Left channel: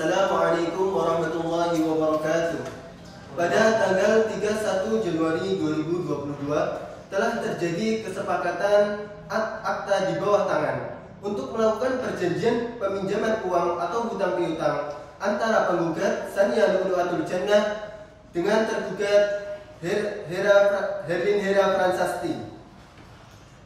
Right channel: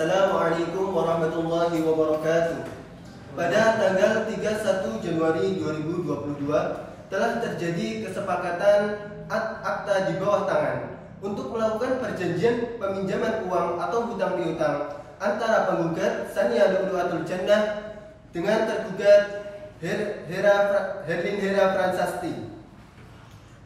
Assalamualaikum warahmatullahi wabarakatuh. Pada tanggal 31 Januari 2022 telah terjadi kesepakatan akta di bawah tangan untuk melakukan perjanjian peminjaman uang atau hutang piutang antara penggugat Sania Lu'lu'atul Jannah dengan tergugat Herlin Hera Pransasti.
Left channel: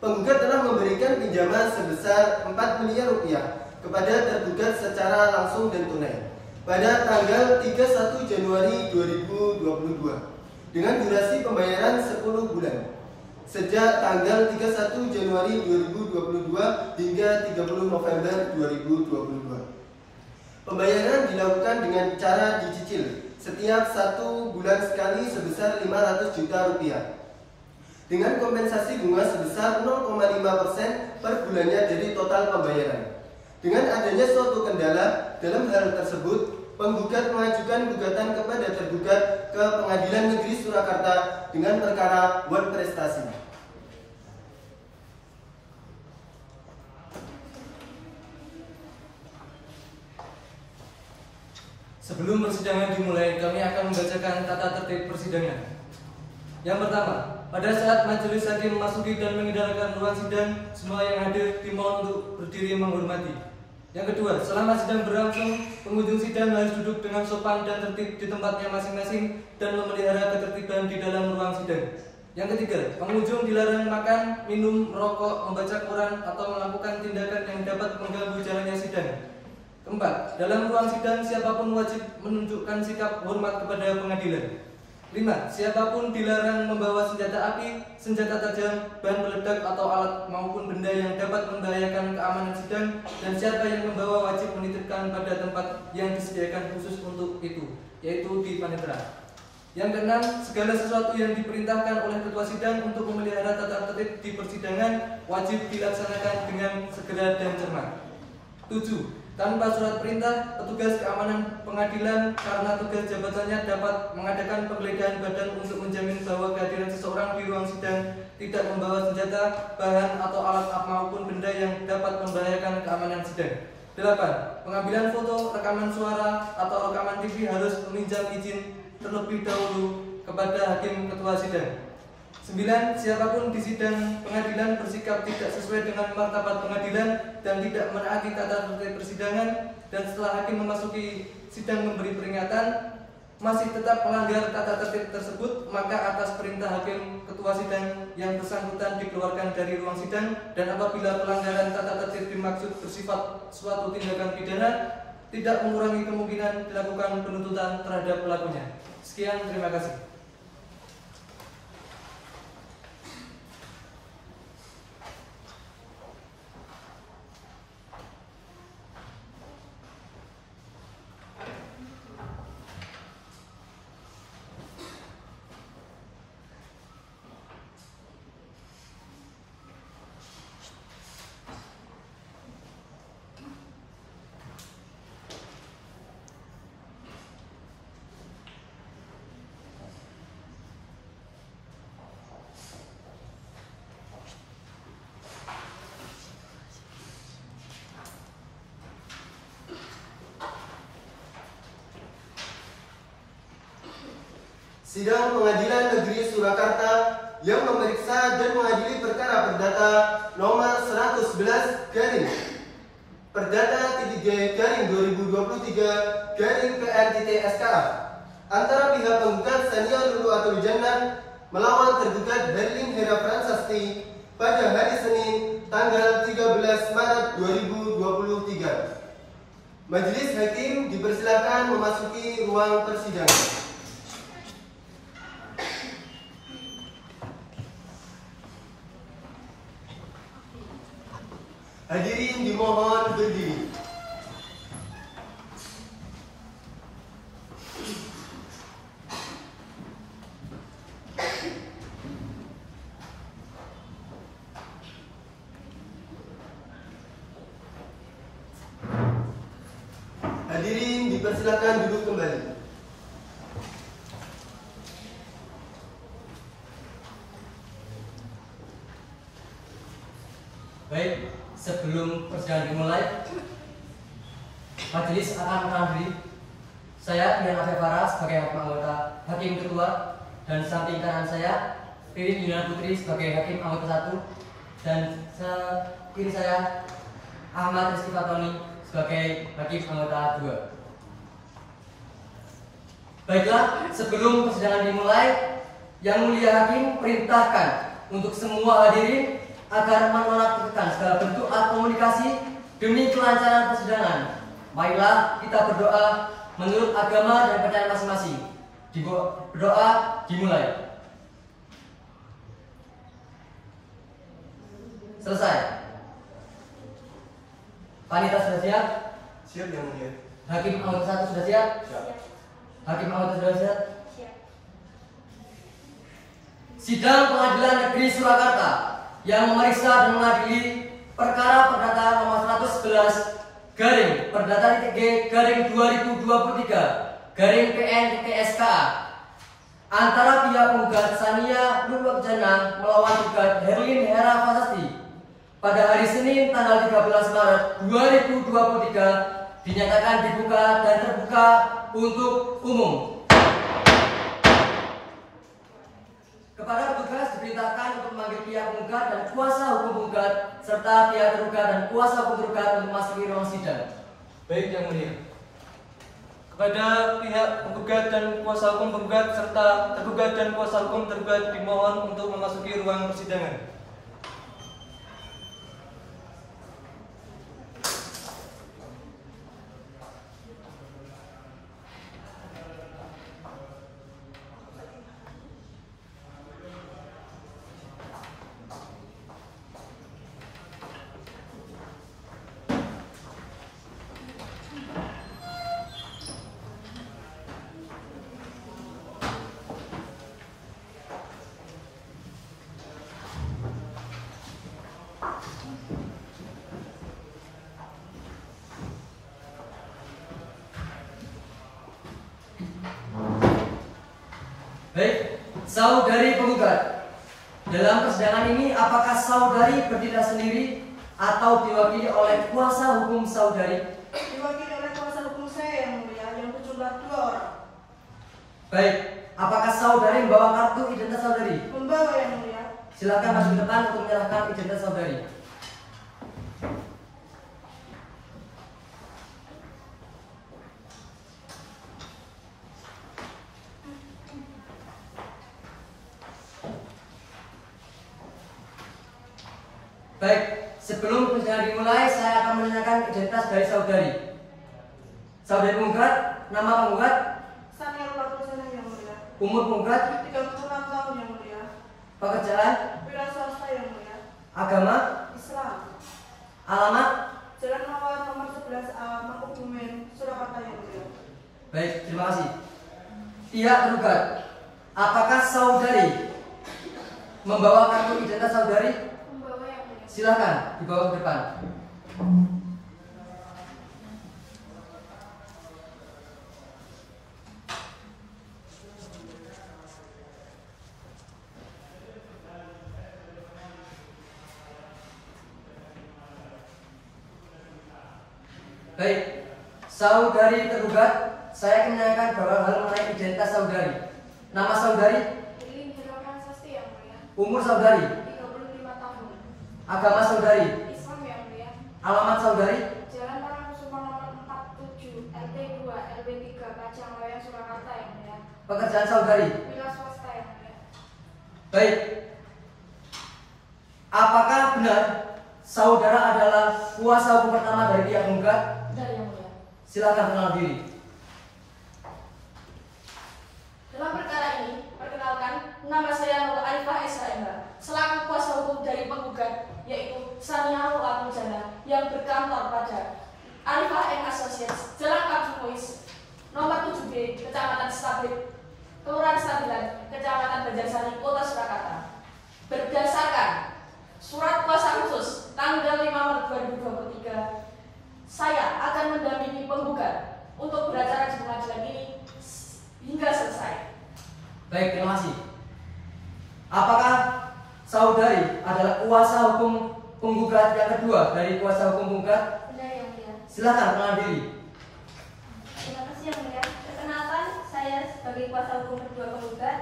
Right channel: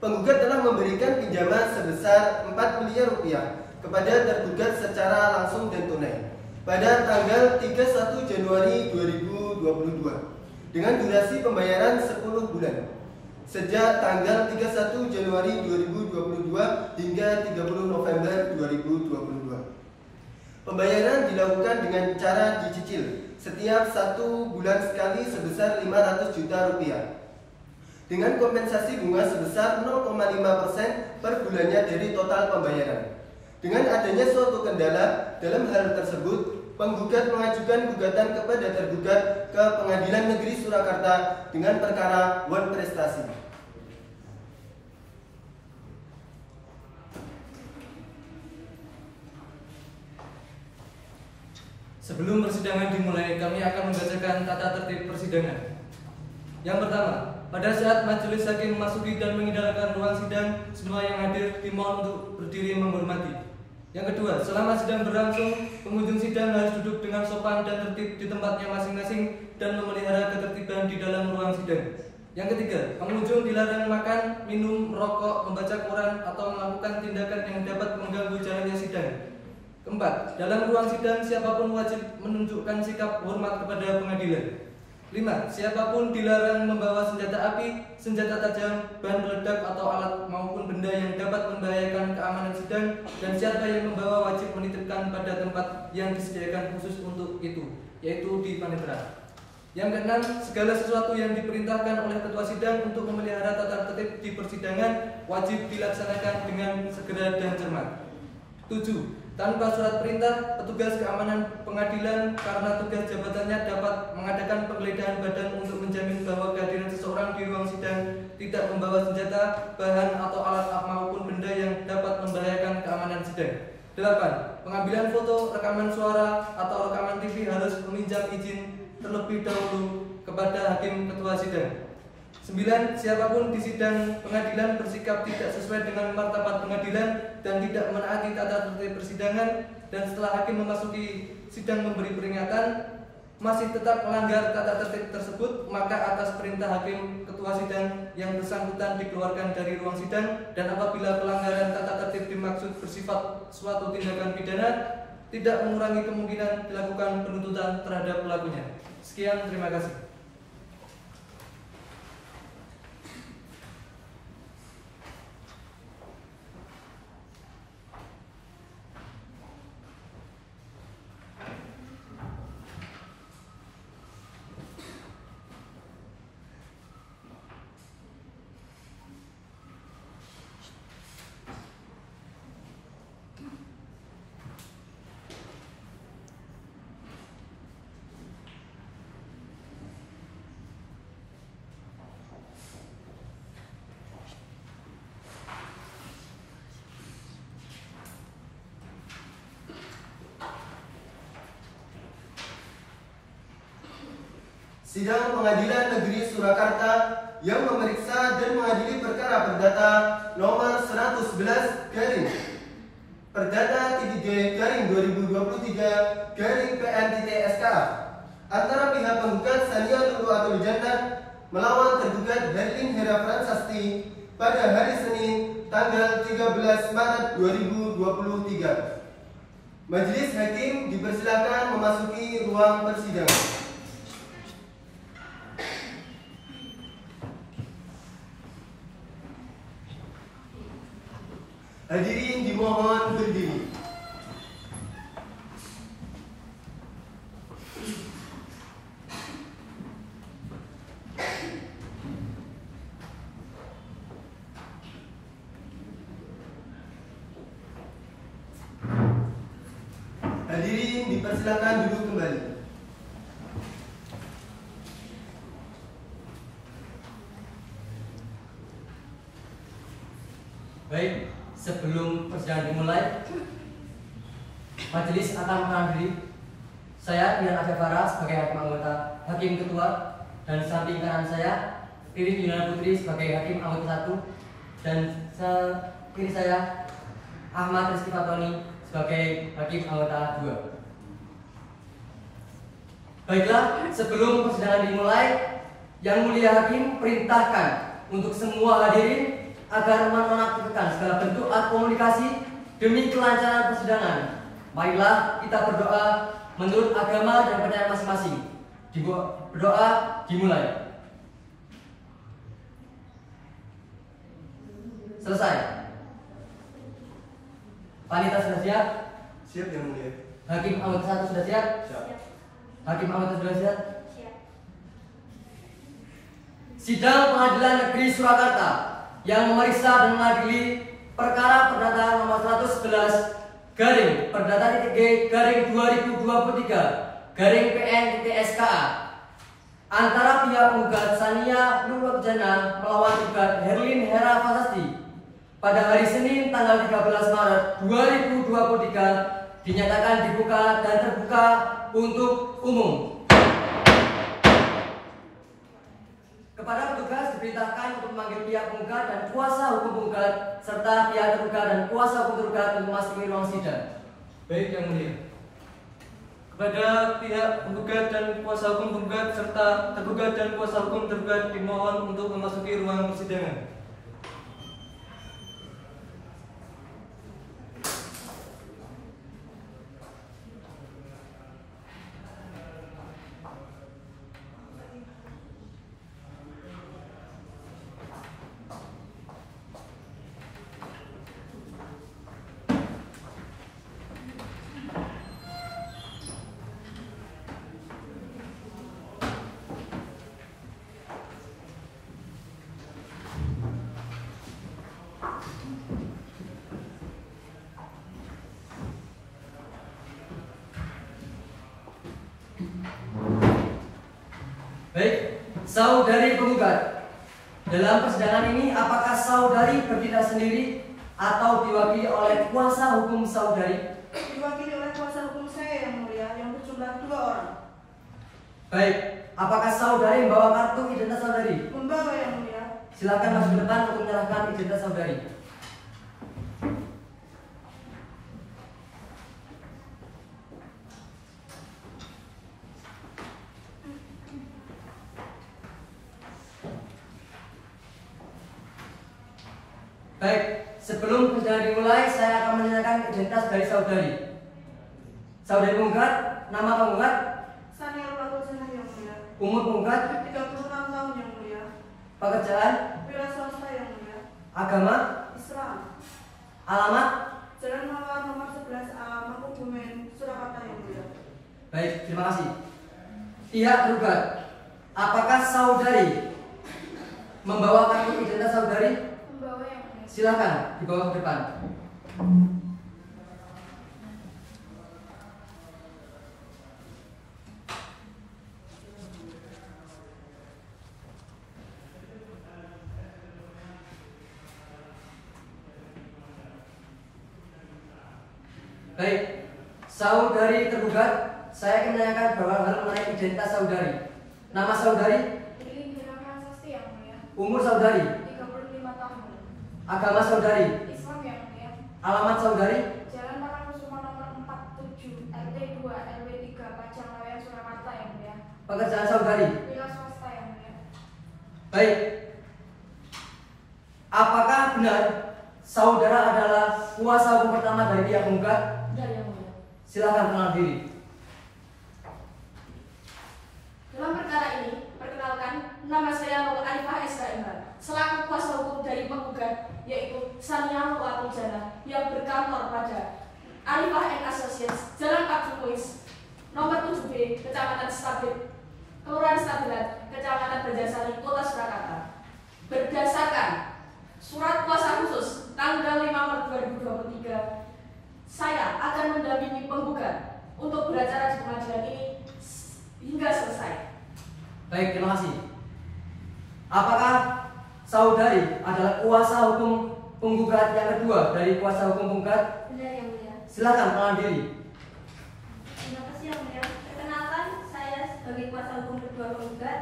Penggugat telah memberikan pinjaman sebesar 4 miliar rupiah kepada tergugat secara langsung dan tunai pada tanggal 31 Januari 2022 dengan durasi pembayaran 10 bulan sejak tanggal 31 Januari 2022 hingga 30 November 2022. Pembayaran dilakukan dengan cara dicicil setiap 1 bulan sekali sebesar 500 juta rupiah dengan kompensasi bunga sebesar 0,5% per bulannya dari total pembayaran. Dengan adanya suatu kendala dalam hal tersebut, penggugat mengajukan gugatan kepada tergugat ke Pengadilan Negeri Surakarta dengan perkara wan prestasi. Sebelum persidangan dimulai, kami akan membacakan tata tertib persidangan. Yang pertama, pada saat majelis hakim memasuki dan meninggalkan ruang sidang, semua yang hadir dimohon untuk berdiri menghormati. Yang kedua, selama sidang berlangsung, pengunjung sidang harus duduk dengan sopan dan tertib di tempatnya masing-masing dan memelihara ketertiban di dalam ruang sidang. Yang ketiga, pengunjung dilarang makan, minum, merokok, membaca koran, atau melakukan tindakan yang dapat mengganggu jalannya sidang. Keempat, dalam ruang sidang siapapun wajib menunjukkan sikap hormat kepada pengadilan. 5. Siapapun dilarang membawa senjata api, senjata tajam, bahan peledak atau alat maupun benda yang dapat membahayakan keamanan sidang, dan siapa yang membawa wajib menitipkan pada tempat yang disediakan khusus untuk itu, yaitu di panitera. Yang keenam, segala sesuatu yang diperintahkan oleh ketua sidang untuk memelihara tata tertib di persidangan wajib dilaksanakan dengan segera dan cermat. 7. Tanpa surat perintah, petugas keamanan pengadilan karena tugas jabatannya dapat mengadakan penggeledahan badan untuk menjamin bahwa kehadiran seseorang di ruang sidang tidak membawa senjata, bahan atau alat maupun benda yang dapat membahayakan keamanan sidang. 8. Pengambilan foto, rekaman suara, atau rekaman TV harus meminjam izin terlebih dahulu kepada hakim ketua sidang. 9. Siapapun di sidang pengadilan bersikap tidak sesuai dengan martabat pengadilan dan tidak menaati tata tertib persidangan, dan setelah hakim memasuki sidang memberi peringatan masih tetap melanggar tata tertib tersebut, maka atas perintah hakim ketua sidang yang bersangkutan dikeluarkan dari ruang sidang, dan apabila pelanggaran tata tertib dimaksud bersifat suatu tindakan pidana, tidak mengurangi kemungkinan dilakukan penuntutan terhadap pelakunya. Sekian, terima kasih. Sidang Pengadilan Negeri Surakarta yang memeriksa dan mengadili perkara perdata nomor 111 garing Perdata 3/2023 garing PN.SK antara pihak penggugat Sania Lu'lu'atul Jannah melawan tergugat Herlin Hera Pransasti pada hari Senin tanggal 13 Maret 2023. Majelis hakim dipersilakan memasuki ruang persidangan. Hadirin dimohon berdiri. Hadirin dipersilakan duduk kembali. Baik, sebelum persidangan dimulai, majelis akan menghadiri Saya Dian Asyafara sebagai hakim anggota hakim ketua, dan di samping kanan saya Ririn Yunan Putri sebagai hakim anggota 1, dan kiri saya Ahmad Rizky Fatoni sebagai hakim anggota 2. Baiklah, sebelum persidangan dimulai, Yang Mulia Hakim perintahkan untuk semua hadirin agar menonaktifkan segala bentuk alat komunikasi demi kelancaran persidangan. Marilah kita berdoa menurut agama dan percayaan masing-masing. Berdoa dimulai. Selesai. Panitia sudah siap? Siap Yang Mulia. Hakim anggota 1 sudah siap? Siap. Hakim anggota sudah siap? Siap. Sidang Pengadilan Negeri Surakarta yang memeriksa dan mengadili perkara perdata nomor 111 garing perdata G garing 2023 garing PN TSKA antara pihak penggugat Sania Nurwakjana melawan penggugat Herlin Hera Fasasti pada hari Senin tanggal 13 Maret 2023 dinyatakan dibuka dan terbuka untuk umum. Kepada petugas diperintahkan untuk memanggil pihak penggugat dan kuasa hukum penggugat serta pihak tergugat dan kuasa hukum tergugat untuk memasuki ruang sidang. Baik Yang Mulia. Kepada pihak penggugat dan kuasa hukum penggugat serta tergugat dan kuasa hukum tergugat dimohon untuk memasuki ruang persidangan. Baik, saudari penggugat. Dalam persidangan ini apakah saudari bertindak sendiri atau diwakili oleh kuasa hukum saudari? Diwakili oleh kuasa hukum saya Yang Mulia yang berjumlah 2 orang. Baik, apakah saudari membawa kartu identitas saudari? Membawa Yang Mulia. Silakan maju ke depan untuk menyerahkan identitas saudari. Baik, sebelum persidangan dimulai, saya akan menanyakan identitas dari saudari. Saudari penggugat, nama penggugat, Sania Nurwakjana Yang Mulia. umur penggugat, 36 tahun Yang Mulia. pekerjaan, Wira swasta Yang Mulia. agama, Islam. alamat. Jalan Mawar nomor 11A Mangkubumen, Surakarta Yang Mulia. Baik, terima kasih. Pihak tergugat, apakah saudari membawa kartu identitas saudari? Membawa Yang Mulia. Silakan dibawa ke depan. Baik, saudari tergugat, saya akan menanyakan beberapa hal mengenai identitas saudari. Nama saudari, Herlin Hera Fasasti Yang Mulia. umur saudari, 35 tahun. agama saudari, Islam Yang Mulia. alamat saudari, Jalan Marakusuma nomor 47 RT 2 RW 3 Kacang Surakarta Yang Mulia. pekerjaan saudari. Wira swasta Yang Mulia. Baik, apakah benar saudara adalah kuasa hukum pertama dari pihak penggugat? Benar Yang Mulia. Silakan kenal diri. Dalam perkara ini, perkenalkan, nama saya Nur Arifah SKMH, selaku kuasa hukum dari penggugat, yaitu Sania Nurwakjana, yang berkantor pada Arifah & Associates, Jalan Abdul Muiz, nomor 7B, Kecamatan Stabit, Kelurahan Stabilan, Kecamatan Banjarsari, Kota Surakarta. Berdasarkan surat kuasa khusus tanggal 5 Maret 2023, saya akan mendampingi penggugat untuk beracara di pengadilan ini hingga selesai. Baik, terima kasih. Apakah saudari adalah kuasa hukum penggugat yang kedua dari kuasa hukum penggugat? Benar Yang Mulia. Silakan kenal diri. Terima kasih Yang Mulia. sebagai kuasa hukum kedua penggugat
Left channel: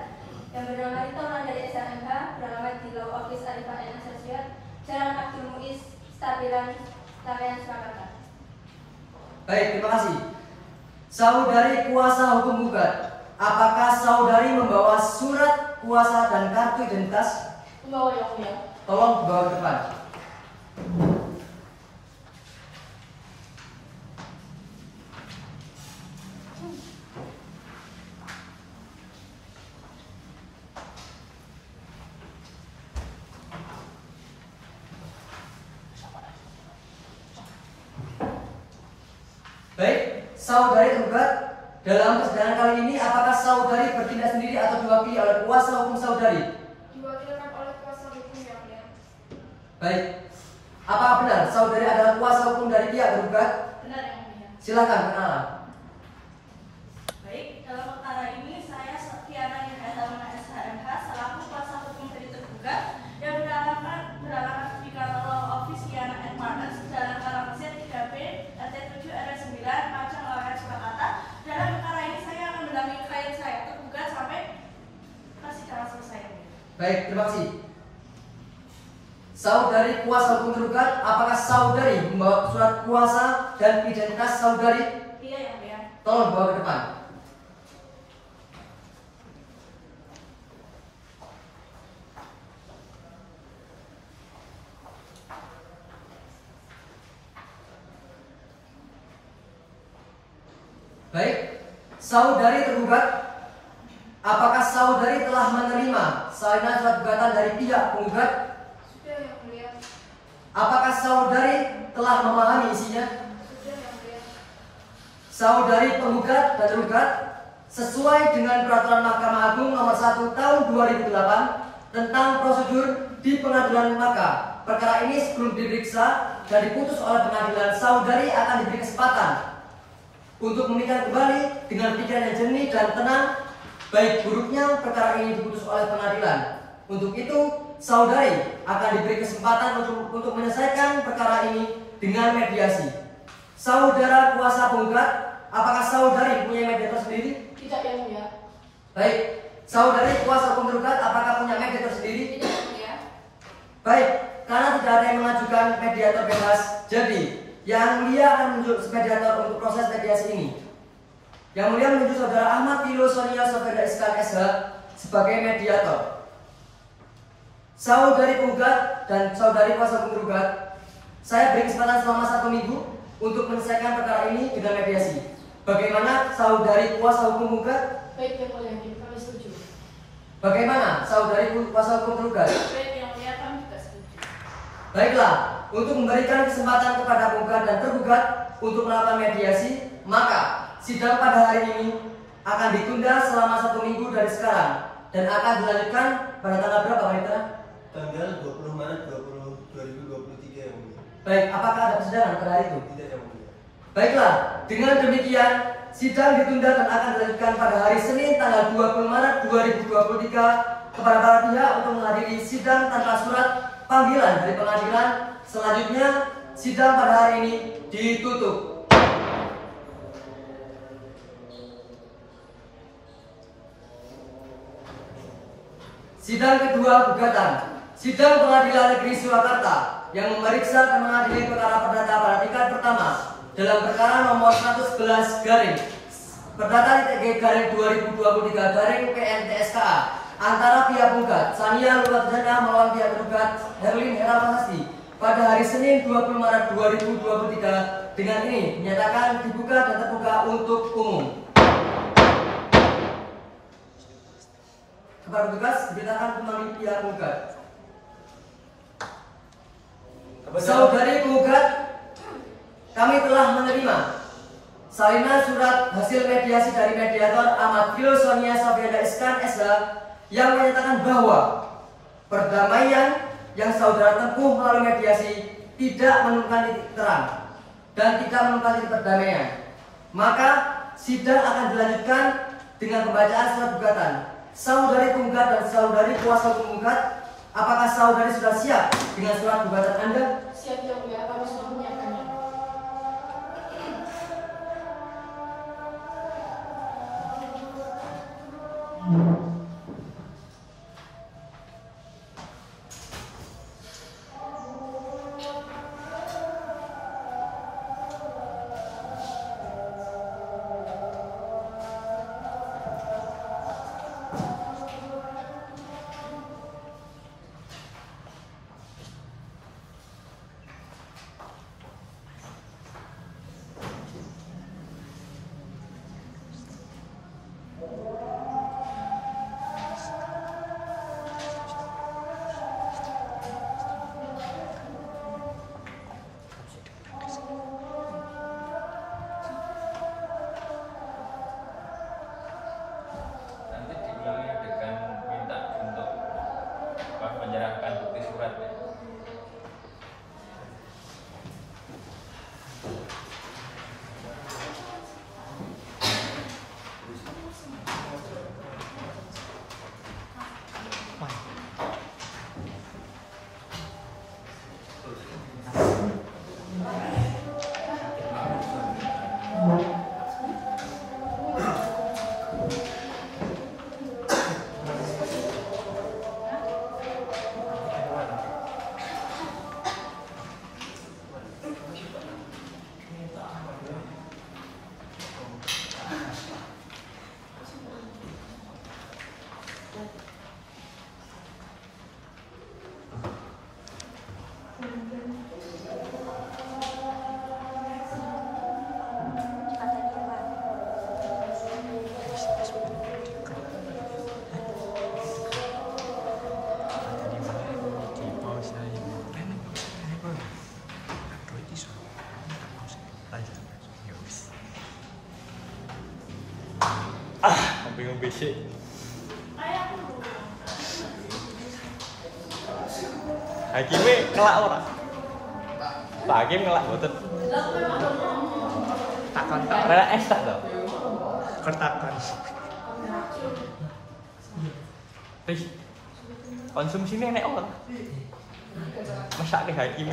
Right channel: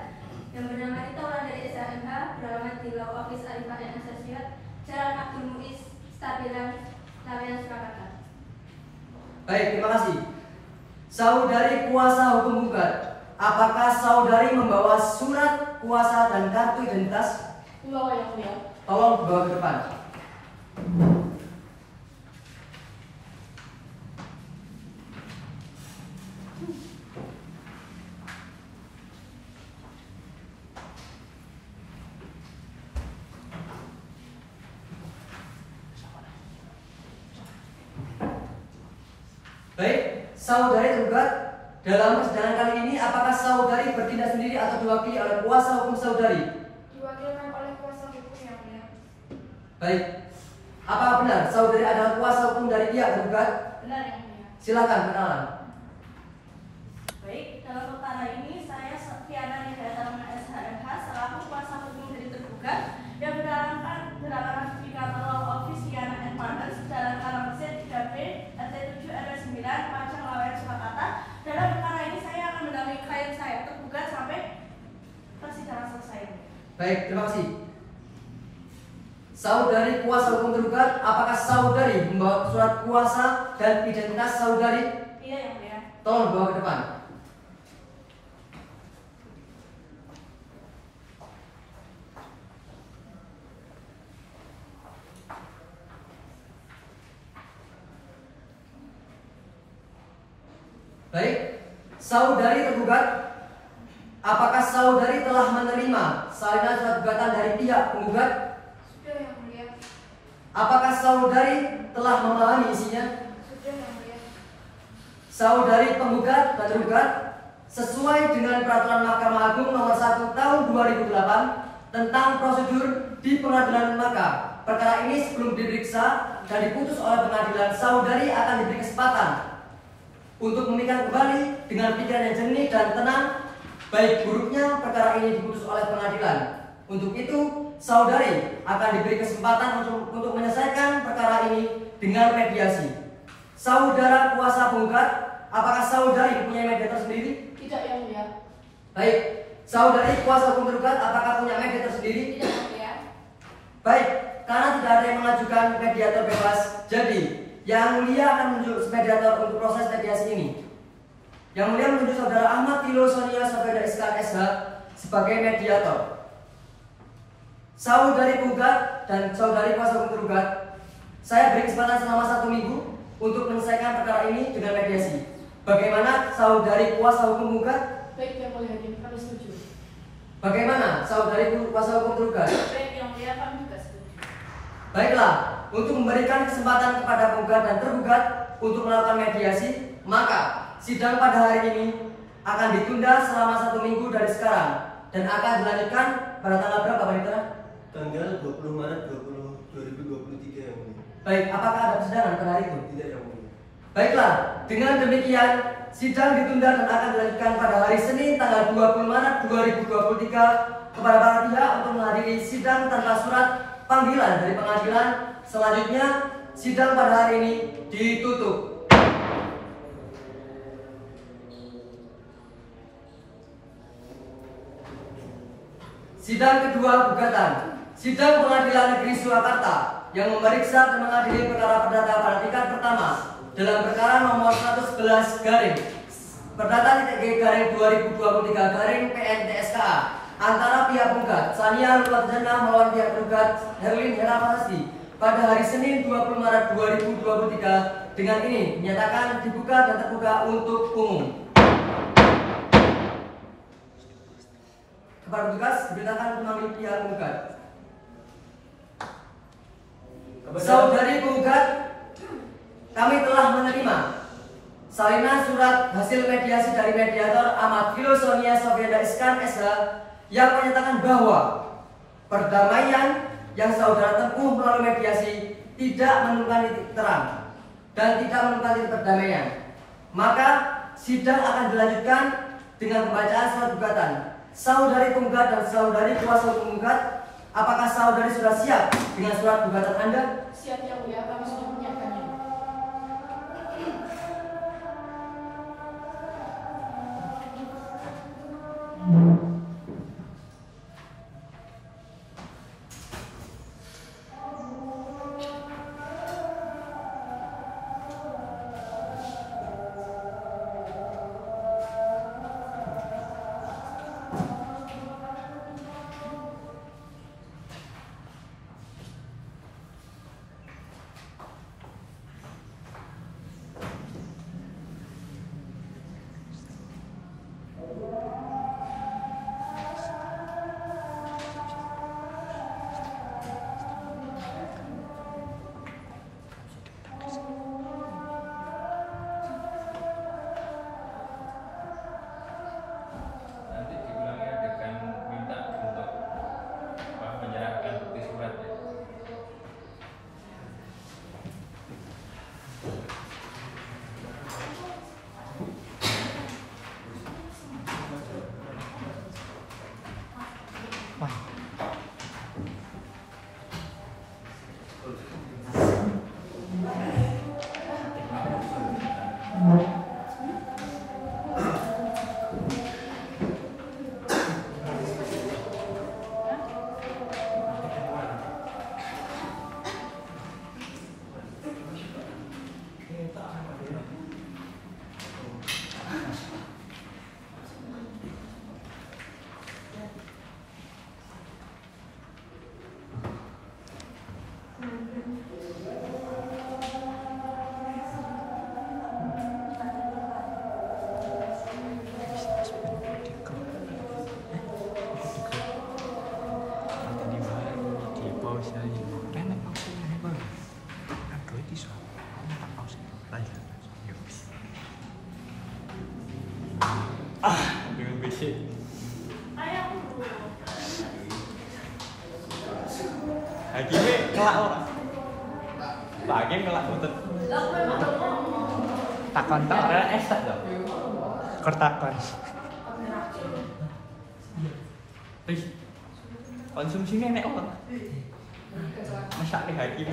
yang bernama Rita Wulandari SHMH, beralamat di Law Office Arifah and Associates, Jalan Abdul Muiz, Stabilan, Lawean, Surakarta. Baik, terima kasih. Saudari kuasa hukum gugat, apakah saudari membawa surat kuasa dan kartu identitas? Membawa yang mulia. Tolong bawa ke depan. Baik, saudari tergugat, dalam persidangan kali ini apakah saudari bertindak sendiri atau diwakili oleh kuasa hukum saudari? Diwakilkan oleh kuasa hukum yang mulia. Baik, apakah benar saudari adalah kuasa hukum dari pihak tergugat? Benar yang mulia. Silakan kenalan. Baik, dalam perkara ini saya Kiana Nidatama SHMH selaku kuasa hukum dari tergugat yang berdasarkan sertifikat Law Office Kiana and Partners Jalan Kalamasir 3B RT 7 RW 9 Pacang Lawean Surakarta. Dalam perkara ini saya akan mendampingi klien saya tergugat sampai persidangan selesai. Baik, terima kasih. Saudari kuasa hukum tergugat, apakah saudari membawa surat kuasa dan identitas saudari? Iya yang mulia. Tolong bawa ke depan. Baik, saudari tergugat, apakah saudari telah menerima salinan surat gugatan dari pihak penggugat? Sudah yang mulia. Apakah saudari telah memahami isinya? Sudah yang mulia. Saudari penggugat dan tergugat, sesuai dengan peraturan Mahkamah Agung nomor 1 tahun 2008 tentang prosedur di pengadilan, maka perkara ini sebelum diperiksa dan diputus oleh pengadilan, saudari akan diberi kesempatan untuk memikirkan kembali dengan pikiran yang jernih dan tenang, baik buruknya perkara ini diputus oleh pengadilan. Untuk itu, saudari akan diberi kesempatan untuk menyelesaikan perkara ini dengan mediasi. Saudara kuasa penggugat, apakah saudari punya mediator sendiri? Tidak yang mulia. Baik, saudari kuasa hukum tergugat, apakah punya mediator sendiri? Tidak yang mulia. Baik, karena tidak ada yang mengajukan mediator bebas, jadi yang mulia akan menunjuk mediator untuk proses mediasi ini. Yang mulia menunjuk saudara Ahmad Tilo Sonia Sofeda SK SH sebagai mediator. Saudari penggugat dan saudari kuasa hukum tergugat, saya beri kesempatan selama 1 minggu untuk menyelesaikan perkara ini dengan mediasi. Bagaimana saudari kuasa hukum penggugat? Baik yang mulia, kami setuju. Bagaimana saudari kuasa hukum tergugat? Baik yang mulia, kami juga setuju. Baiklah, untuk memberikan kesempatan kepada penggugat dan tergugat untuk melakukan mediasi, maka sidang pada hari ini akan ditunda selama 1 minggu dari sekarang dan akan dilanjutkan pada tanggal berapa, Pak Rita? Tanggal 20 Maret 2023 yang mulia. Baik, apakah ada persidangan pada hari itu? Tidak yang mulia. Baiklah, dengan demikian sidang ditunda dan akan dilanjutkan pada hari Senin tanggal 20 Maret 2023 kepada para pihak untuk menghadiri sidang tanpa surat panggilan dari pengadilan. Selanjutnya, sidang pada hari ini ditutup. Sidang kedua gugatan. Sidang Pengadilan Negeri Surakarta yang memeriksa dan mengadili perkara perdata pada tingkat pertama dalam perkara nomor 111 garing perdata TG garing 2023 garing PNTSKA antara pihak penggugat Sania Lulatjana melawan pihak tergugat Herlin Herafasi pada hari Senin 20 Maret 2023 dengan ini dinyatakan dibuka dan terbuka untuk umum. Kepada petugas diberitakan melalui pihak penggugat. Saudari penggugat, kami telah menerima salinan surat hasil mediasi dari mediator Ahmad Tilo Sonia Sofeda SK SH yang menyatakan bahwa perdamaian yang saudara tempuh melalui mediasi tidak menemukan titik terang dan tidak menemukan titik perdamaian. Maka sidang akan dilanjutkan dengan pembacaan surat gugatan. Saudari penggugat dan saudari kuasa hukum penggugat, apakah saudari sudah siap dengan surat gugatan Anda? Siap yang mulia, kami sudah menyiapkannya. ngelak ora? Lagi ngelak betul. Takon tok. Rela esek to. Kertakon. Wis konsumsine enek apa? Masak di hakim.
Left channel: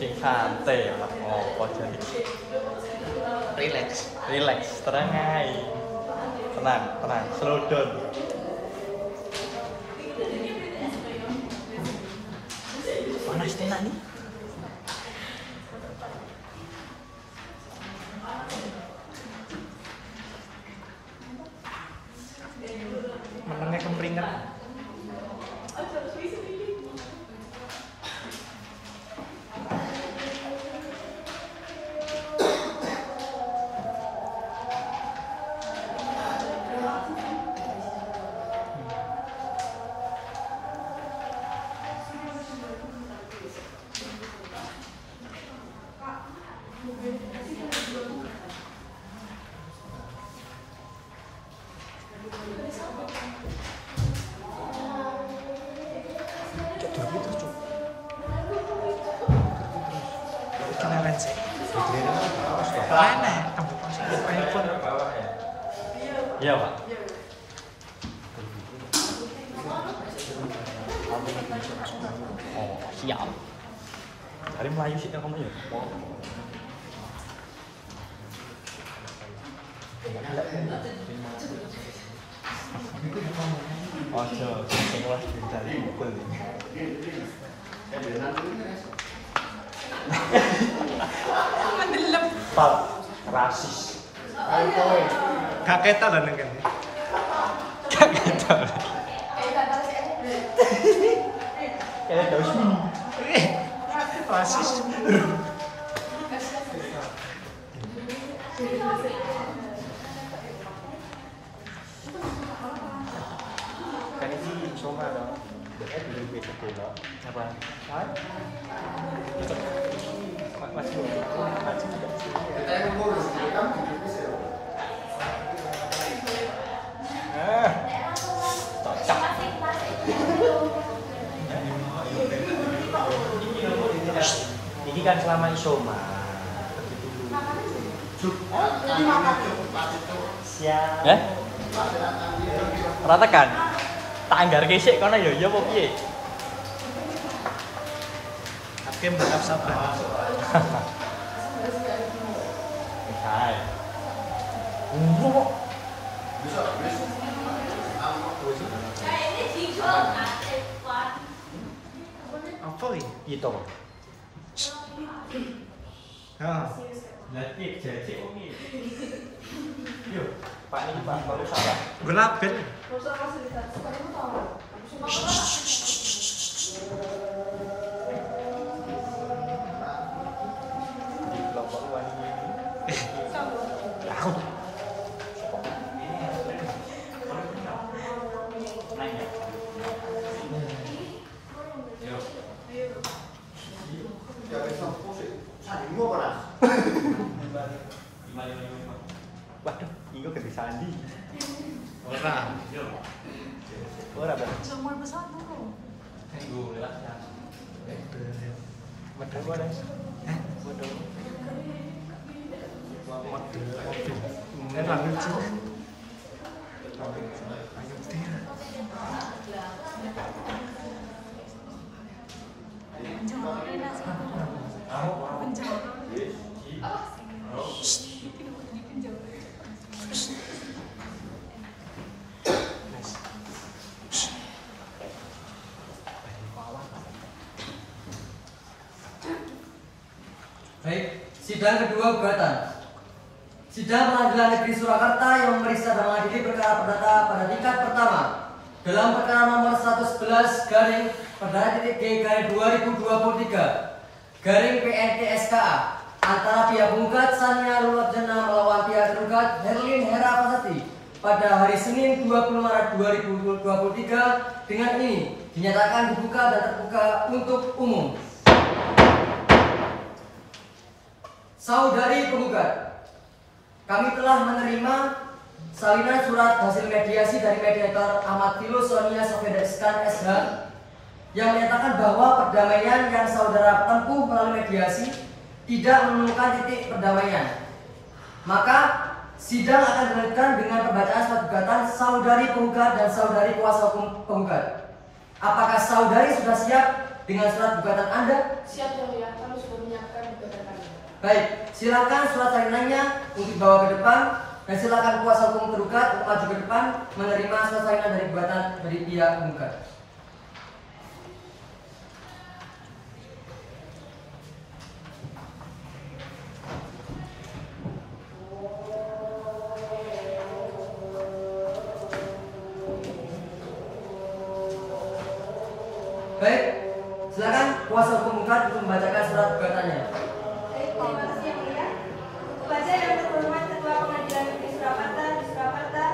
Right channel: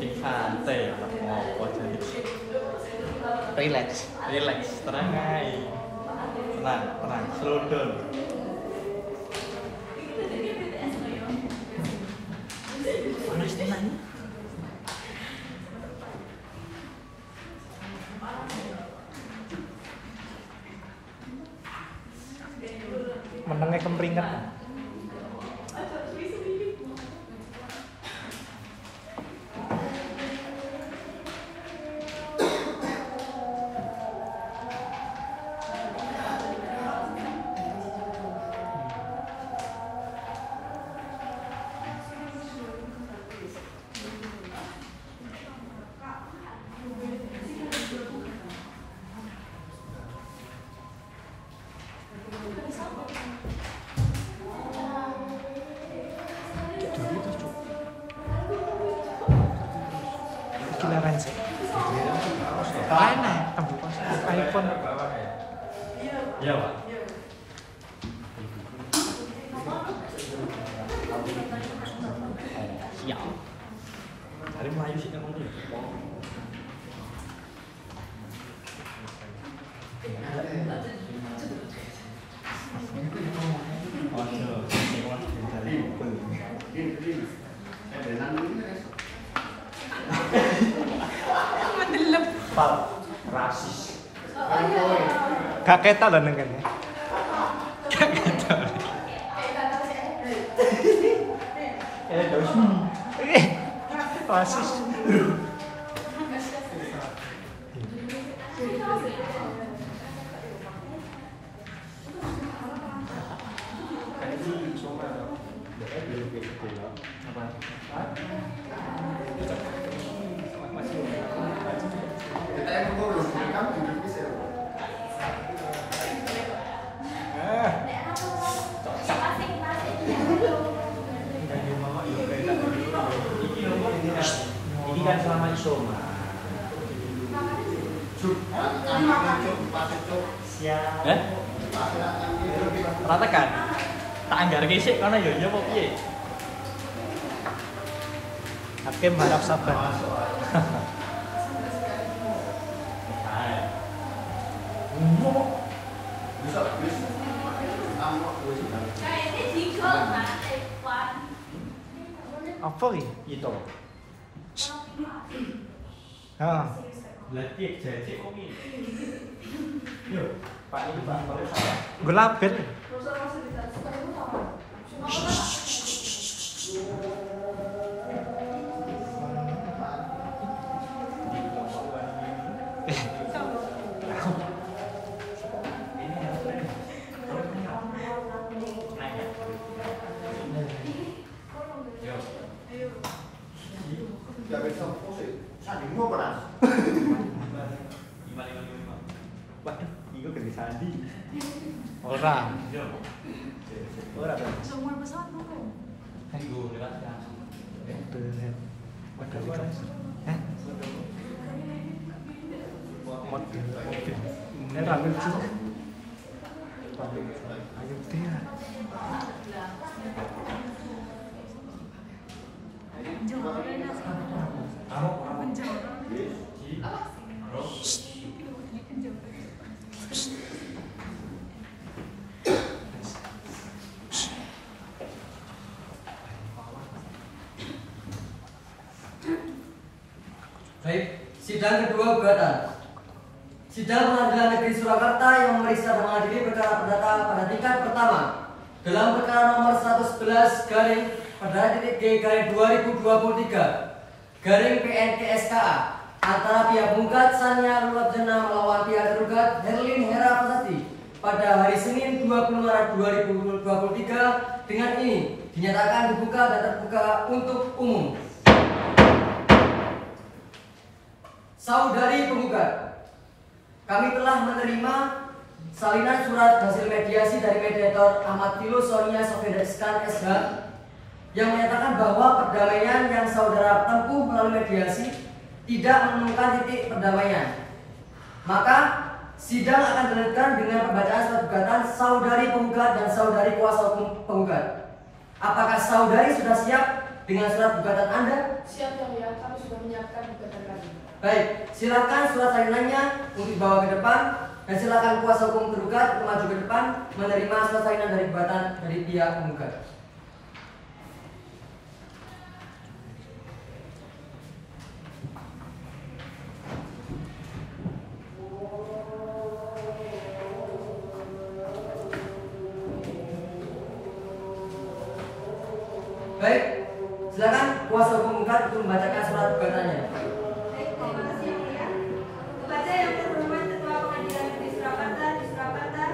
Sing santai ngopo jadi. Relax, tenang ae. Tenang, slow down. Panas tenan nih. Menangnya kemringan. Toleransi. Mana ya tempat iPhone? Iya, Pak. Siap. Hari Melayu sih kamu ya. Waduh, sing kelas dari mobil. Mendelep. Rasis. Gak keta lho neng kene. Gak keta. Rasis. Kan ini soal kan belum beda. Apa? Kita yang ngurus, kamu tidak bisa. Ini kan selama isoma. Siap. Ratakan. Tak anggar gesek kono ya apa piye? Hakim balap sabar. Apa ya? Itu. Nah, Lagi jajik oke. Yo, Pak ini Pak berlabet. Ya besok musik. Sanding gua panas. Waduh, ini kok bisa sandi. Ora. Yo. Ora. Semua besar dulu. Ayo, lewat lah. Model mobil. Ini ra lucu. Ayo tinggal. Baik, sidang kedua gugatan. Sidang Pengadilan Negeri Surakarta yang memeriksa dan mengadili perkara perdata pada tingkat pertama dalam perkara nomor 111 garing perdana titik G garing 2023 garing PNK SKA antara pihak penggugat Sania Lulotjena melawan pihak tergugat Herlin Hera Pasati pada hari Senin 20 Maret 2023 dengan ini dinyatakan dibuka dan terbuka untuk umum. Saudari penggugat, kami telah menerima salinan surat hasil mediasi dari mediator Ahmad Filus Sonia Sofedeskan SH yang menyatakan bahwa perdamaian yang saudara tempuh melalui mediasi tidak menemukan titik perdamaian. Maka sidang akan dilanjutkan dengan pembacaan surat gugatan saudari penggugat dan saudari kuasa hukum penggugat. Apakah saudari sudah siap dengan surat gugatan Anda? Siap yang mulia, kami sudah menyiapkan gugatan kami. Baik, silakan surat salinannya untuk dibawa ke depan dan silakan kuasa hukum tergugat untuk maju ke depan menerima surat salinan dari gugatan dari pihak penggugat. Baik, silakan kuasa hukum penggugat untuk membacakan surat gugatannya. Terima kasih yang mulia. Kepada yang terhormat Ketua Pengadilan Negeri Surakarta di Surakarta,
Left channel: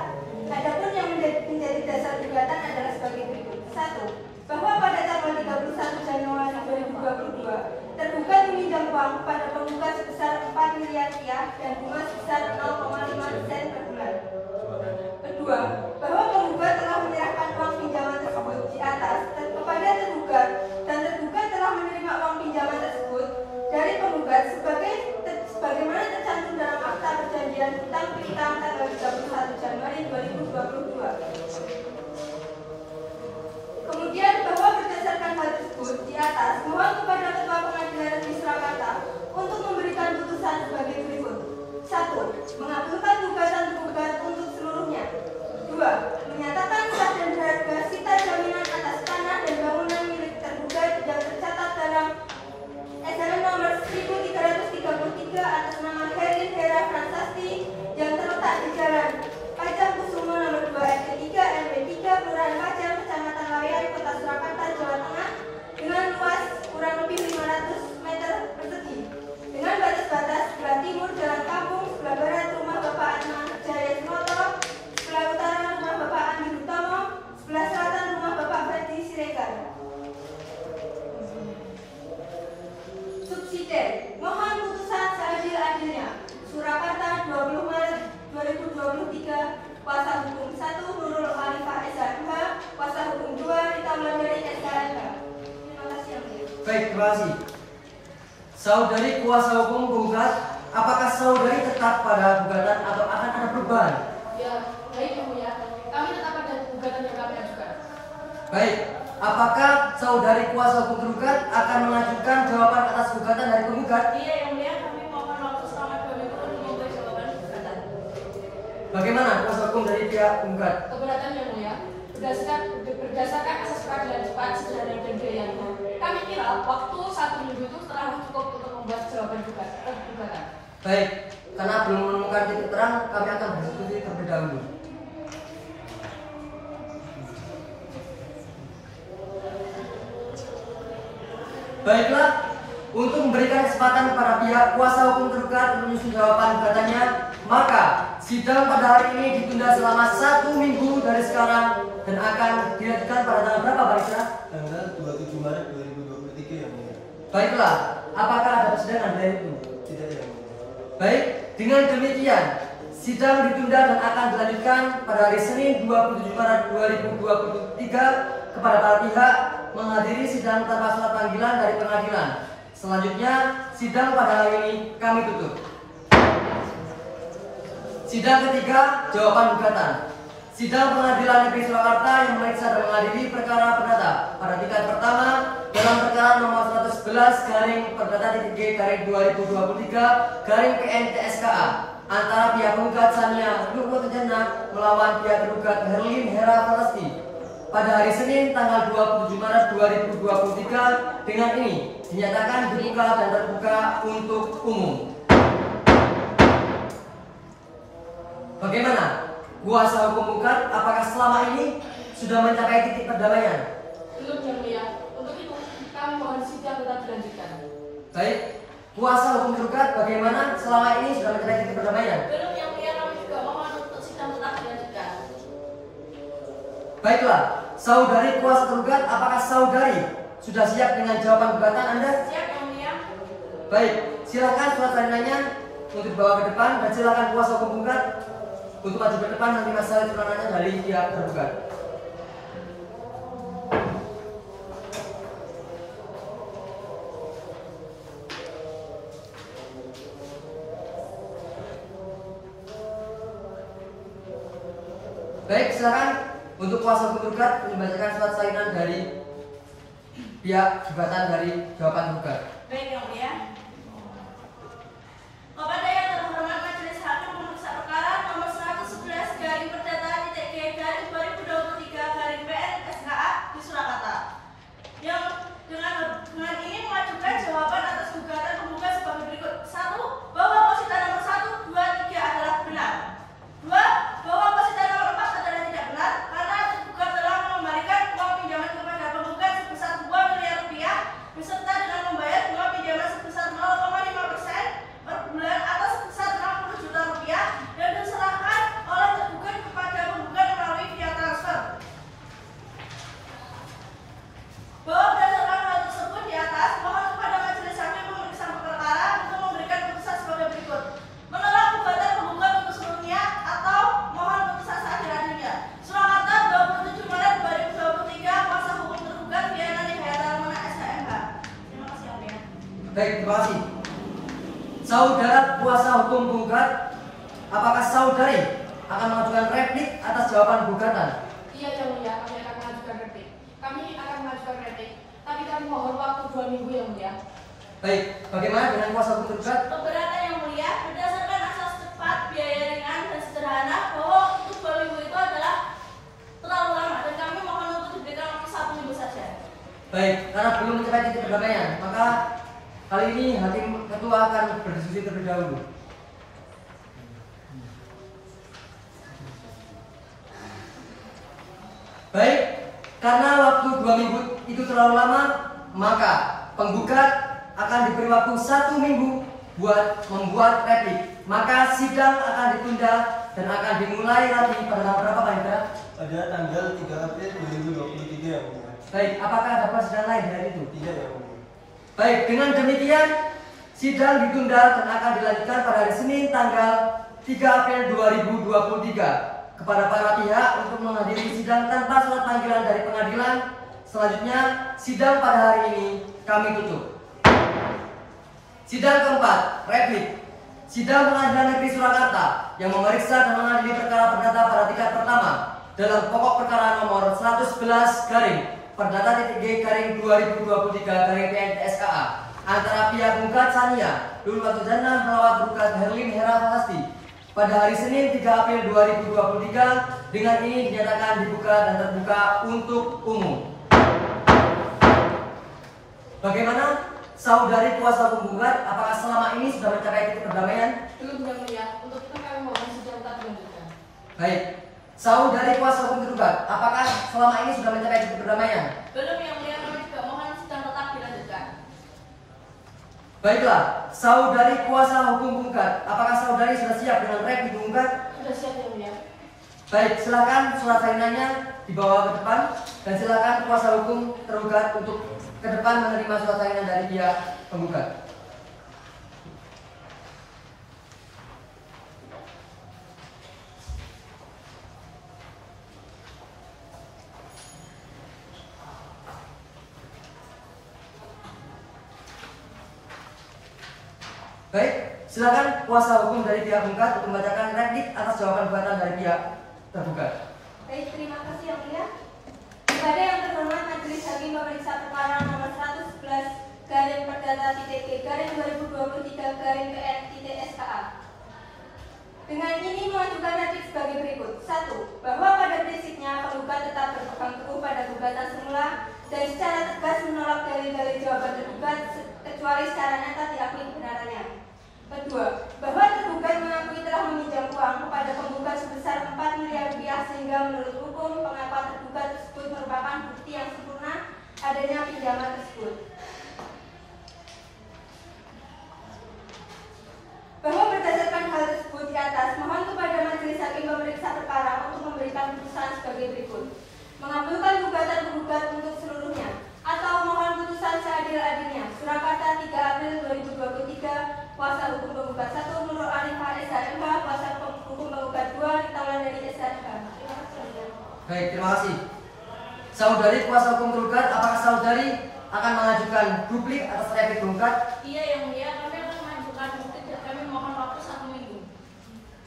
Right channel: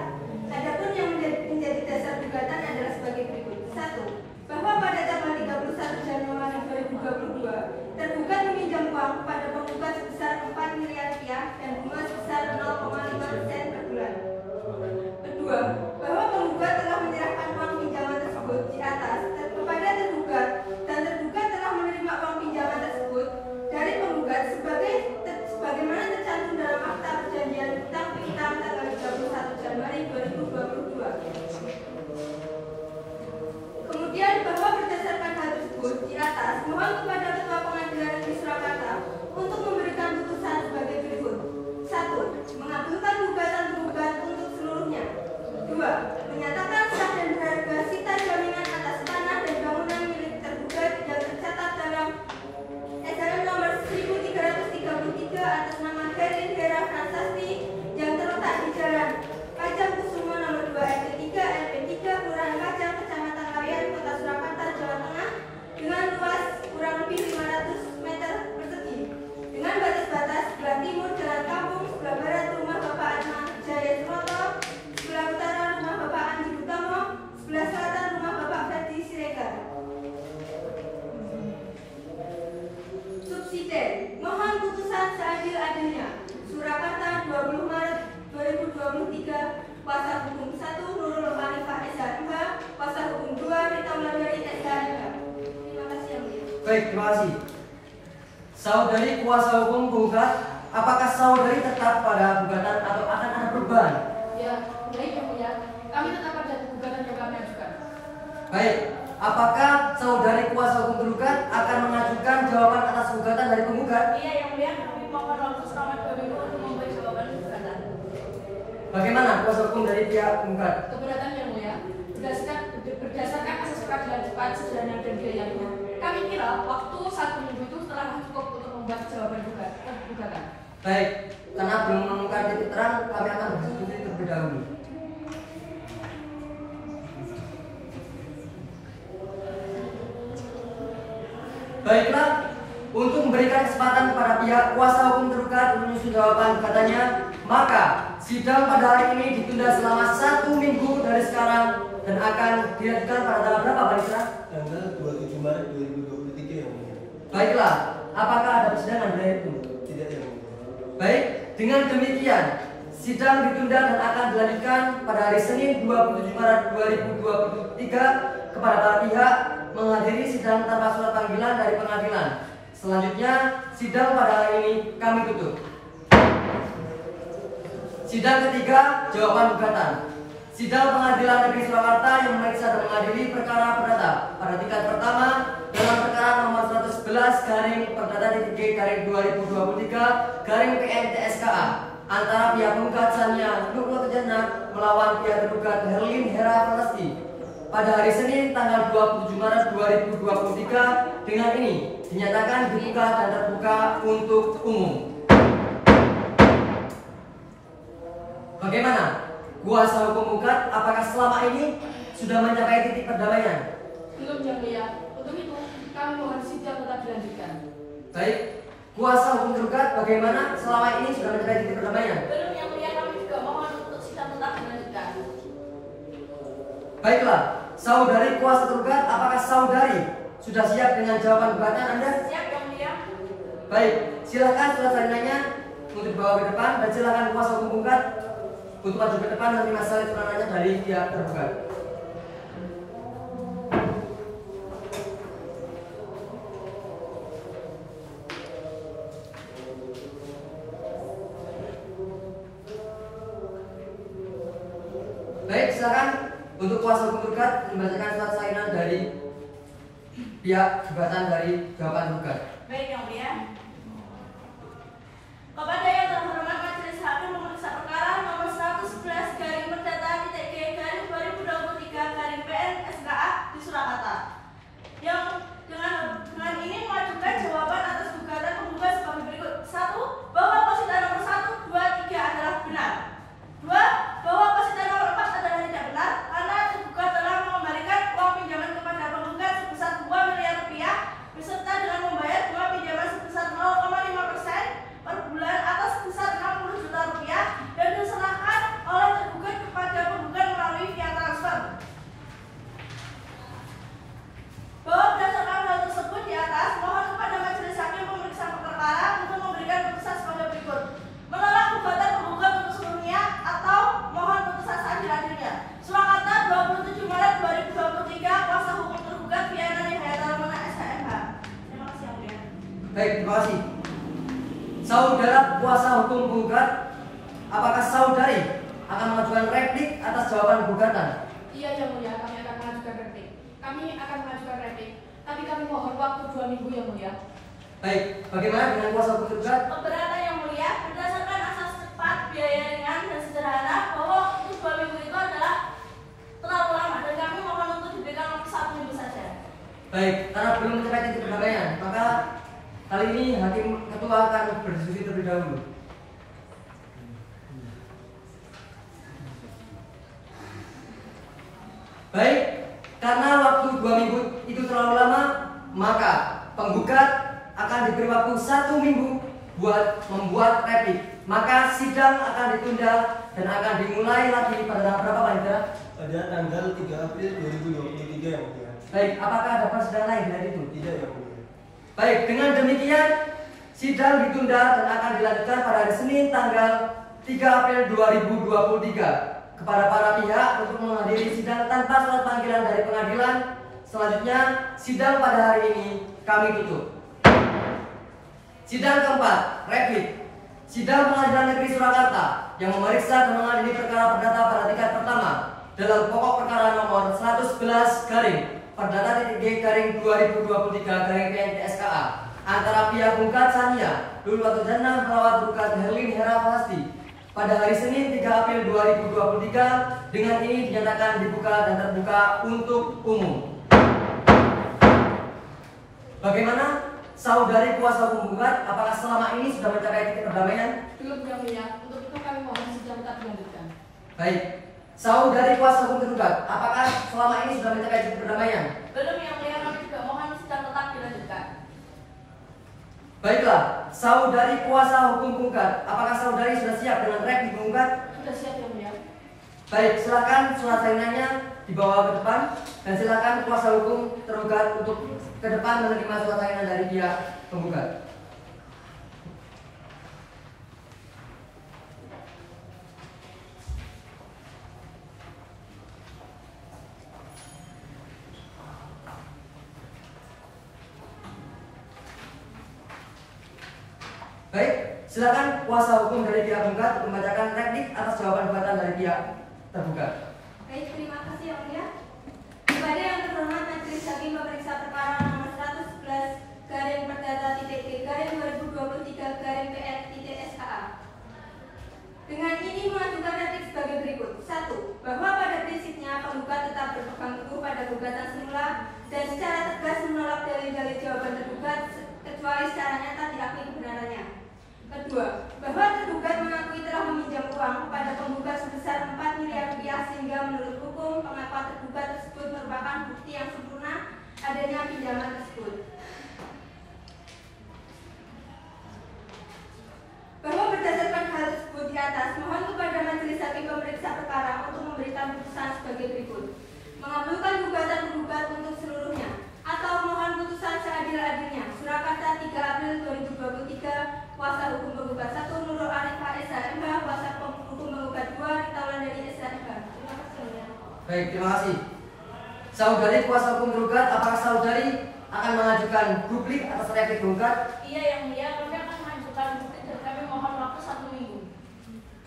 adapun yang menjadi dasar gugatan adalah sebagai berikut. 1. Bahwa pada tanggal 31 Januari 2022 tergugat meminjam uang kepada penggugat sebesar 4 miliar rupiah dan bunga sebesar 0,5% per bulan. Kedua, bahwa penggugat telah menyerahkan uang pinjaman tersebut di atas kepada tergugat dan tergugat telah menerima uang pinjaman tersebut dari penggugat sebagaimana tercantum dalam akta perjanjian utang piutang tanggal 31 Januari 2022. Kemudian bahwa berdasarkan hal tersebut di atas mohon kepada Ketua Pengadilan Negeri Surakarta untuk memberikan putusan sebagai berikut. 1. Mengabulkan gugatan tergugat untuk seluruhnya. 2. Menyatakan sah dan berharga sita jaminan atas tanah dan bangunan milik tergugat yang tercatat dalam SHM nomor 1333 atas nama Herlin Hera Fransasti yang terletak di Jalan Pajang Kusumo nomor 2 RT 3 RW 3 Kelurahan Pajang Kecamatan Laweyan Kota Surakarta Jawa Tengah dengan luas kurang lebih 500 meter persegi dengan batas-batas sebelah timur Jalan Kampung, sebelah barat rumah Bapak Atma Jaya Sunoto, sebelah utara rumah Bapak Andi Utomo, sebelah selatan rumah Bapak Ferdi Siregar. Subsidiar, mohon putusan seadil-adilnya. Surakarta 20 Maret 2023, kuasa hukum 1 Nurul Khalifah SHMH, kuasa hukum 2 Rita Wulandari SHMH. Terima kasih yang mulia. Baik, terima kasih. Saudari kuasa hukum penggugat, apakah saudari tetap pada gugatan atau akan ada perubahan? Ya, baik yang mulia, kami tetap pada gugatan yang kami ajukan. Baik, apakah saudari kuasa hukum tergugat akan mengajukan jawaban atas gugatan dari penggugat? Iya yang mulia, kami mohon waktu selama 2 minggu untuk memberi jawaban gugatan. Bagaimana kuasa hukum dari pihak penggugat? Keberatan yang mulia, berdasarkan asas peradilan cepat, sederhana dan biaya, kami kira waktu 1 minggu itu telah cukup untuk membuat jawaban gugatan. Baik, karena belum menemukan titik terang, kami akan berdiskusi terlebih dahulu. Baiklah, untuk memberikan kesempatan kepada pihak kuasa hukum tergugat untuk menyusun jawaban gugatannya, maka sidang pada hari ini ditunda selama 1 minggu dari sekarang dan akan dilanjutkan pada tanggal berapa, Pak Isra? Tanggal 27 Maret 2023 yang mulia. Baiklah, apakah ada persidangan dari itu? Tidak yang mulia. Baik, dengan demikian sidang ditunda dan akan dilanjutkan pada hari Senin 27 Maret 2023 kepada para pihak menghadiri sidang tanpa surat panggilan dari pengadilan. Selanjutnya, sidang pada hari ini kami tutup. Sidang ketiga, jawaban gugatan. Sidang Pengadilan Negeri Surakarta yang memeriksa dan mengadili perkara perdata pada tingkat pertama dalam perkara nomor 111 garing perdata titik G garing 2023 garing PN TSKA antara pihak penggugat Sania Nurul Kencana melawan pihak tergugat Herlin Hera Fransasti pada hari Senin tanggal 27 Maret 2023 dengan ini dinyatakan dibuka dan terbuka untuk umum. Bagaimana? Kuasa hukum penggugat apakah selama ini sudah mencapai titik perdamaian? Belum yang mulia, untuk itu kami mohon sidang tetap dilanjutkan. Baik, kuasa hukum tergugat bagaimana selama ini sudah mencapai titik perdamaian? Belum yang mulia, kami juga mohon untuk sidang sidang tetap dilanjutkan. Baiklah, saudari kuasa tergugat, apakah saudari sudah siap dengan jawaban gugatan Anda? Siap yang mulia. Baik, silakan surat salinannya untuk dibawa ke depan dan silakan kuasa hukum gugat untuk maju ke depan nanti masalah suratnya dari pihak tergugat. Baik, silakan untuk kuasa hukum gugat membacakan surat salinan dari pihak gugatan dari jawaban gugat. Baik yang mulia. Kepada yang terhormat Majelis Hakim memeriksa perkara nomor 111 garing perdata titik G garing 2023 garing PN SKA di Surakarta yang dengan ini mengajukan jawaban atas gugatan penggugat sebagai berikut: 1. Bahwa posita nomor 1, 2, 3 adalah benar. 2. Bahwa posita nomor 4 adalah tidak benar karena tergugat telah mengembalikan uang pinjaman kepada penggugat sebesar 2 miliar rupiah beserta dengan membayar bunga pinjaman sebesar 0,5% per bulan atas sebesar 60 juta rupiah dan diserahkan oleh tergugat kepada penggugat melalui via transfer. Bahwa berdasarkan hal tersebut di atas, mohon kepada Majelis Hakim memeriksa perkara untuk memberikan putusan sebagai berikut: menolak gugatan penggugat untuk seluruhnya atau mohon putusan seadil-adilnya. Surakarta 27 Maret 2023, kuasa hukum tergugat Viana Nihayatulmana SHMH. Terima kasih yang mulia. Baik, terima kasih. Saudara kuasa hukum penggugat, apakah saudari akan mengajukan replik atas jawaban gugatan? Iya yang mulia, kami akan mengajukan replik. Tapi kami mohon waktu 2 minggu yang mulia. Baik, bagaimana dengan kuasa hukum tergugat? Keberatan yang mulia, berdasarkan asas cepat, biaya ringan dan sederhana, bahwa itu 2 minggu itu adalah terlalu lama dan kami mohon untuk diberikan waktu 1 minggu saja. Baik, karena belum mencapai titik perdamaian, maka kali ini hakim ketua akan berdiskusi terlebih dahulu. Baik, karena waktu 2 minggu itu terlalu lama, maka penggugat akan diberi waktu 1 minggu buat membuat replik. Maka sidang akan ditunda dan akan dimulai lagi pada tanggal berapa, Pak Indra? Pada tanggal 3 April 2023 yang mulia. Baik, apakah ada persidangan lain di hari itu? Tidak yang mulia. Baik, dengan demikian sidang ditunda dan akan dilanjutkan pada hari Senin tanggal 3 April 2023 kepada para pihak untuk menghadiri sidang tanpa surat panggilan dari pengadilan. Selanjutnya, sidang pada hari ini kami tutup. Sidang keempat, replik. Sidang Pengadilan Negeri Surakarta yang memeriksa dan mengadili perkara perdata pada tingkat pertama dalam pokok perkara nomor 111 garing perdata titik G garing 2023 garing PN SKA antara pihak penggugat Sania Lulu Watujana melawan tergugat Herlin Hera Falasti pada hari Senin 3 April 2023 dengan ini dinyatakan dibuka dan terbuka untuk umum. Bagaimana saudari kuasa hukum penggugat, apakah selama ini sudah mencapai titik perdamaian? Belum yang mulia, untuk itu kami mohon sidang tetap dilanjutkan. Baik, saudari kuasa hukum tergugat, apakah selama ini sudah mencapai titik perdamaian? Belum yang mulia, kami juga mohon sidang tetap dilanjutkan. Baiklah, saudari kuasa hukum penggugat, apakah saudari sudah siap dengan replik penggugat? Sudah siap yang mulia. Baik, silakan surat salinannya dibawa ke depan dan silakan kuasa hukum tergugat untuk ke depan menerima surat salinan dari pihak penggugat. Baik, silakan kuasa hukum dari pihak penggugat untuk membacakan replik atas jawaban gugatan dari pihak tergugat. Baik, terima kasih yang mulia. Kepada yang terhormat Majelis Hakim memeriksa perkara nomor 111 garing perdata titik G garing 2023 garing PN titik SKA. Dengan ini mengajukan replik sebagai berikut: 1. Bahwa pada prinsipnya penggugat tetap berpegang teguh pada gugatan semula dan secara tegas menolak dalil-dalil jawaban tergugat kecuali secara nyata diakui kebenarannya. Kedua, bahwa tergugat mengakui telah meminjam uang kepada penggugat sebesar 4 miliar rupiah sehingga menurut hukum pengakuan tergugat tersebut merupakan bukti yang sempurna adanya pinjaman tersebut. Bahwa berdasarkan hal tersebut di atas, mohon kepada Majelis Hakim memeriksa berikut: mengabulkan gugatan tergugat untuk seluruhnya, atau mohon putusan seadil-adilnya. Surakarta 3 April 2023. Kuasa hukum penggugat 1 Nurul Arifah SHMH, kuasa hukum penggugat 2 tangan dari SHMH. Terima kasih. Baik, terima kasih. Saudari kuasa hukum tergugat, apakah saudari akan mengajukan duplik atas replik penggugat? Iya yang mulia, kami akan mengajukan bukti dan kami mohon waktu 1 minggu.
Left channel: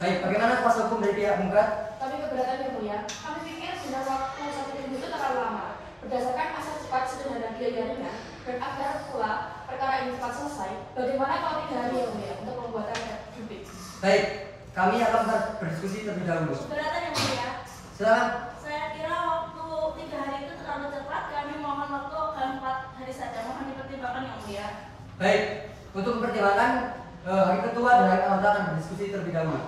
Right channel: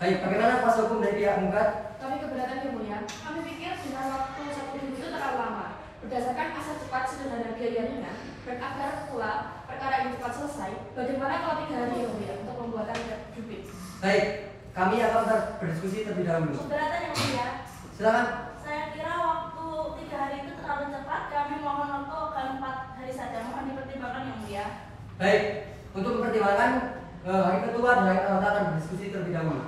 Baik, bagaimana kuasa hukum dari pihak penggugat? Kami keberatan yang mulia. Kami pikir dengan waktu 1 minggu itu terlalu lama. Berdasarkan asas cepat sederhana biaya ringan dan agar pula perkara ini cepat selesai, bagaimana kalau 3 hari yang mulia untuk pembuatan duplik? Baik, kami akan berdiskusi terlebih dahulu. Keberatan yang mulia. Silakan. Saya kira waktu 3 hari itu terlalu cepat. Kami mohon waktu ke 4 hari saja. Mohon dipertimbangkan yang mulia. Baik, untuk mempertimbangkan Hakim Ketua dan Hakim Anggota akan berdiskusi terlebih dahulu.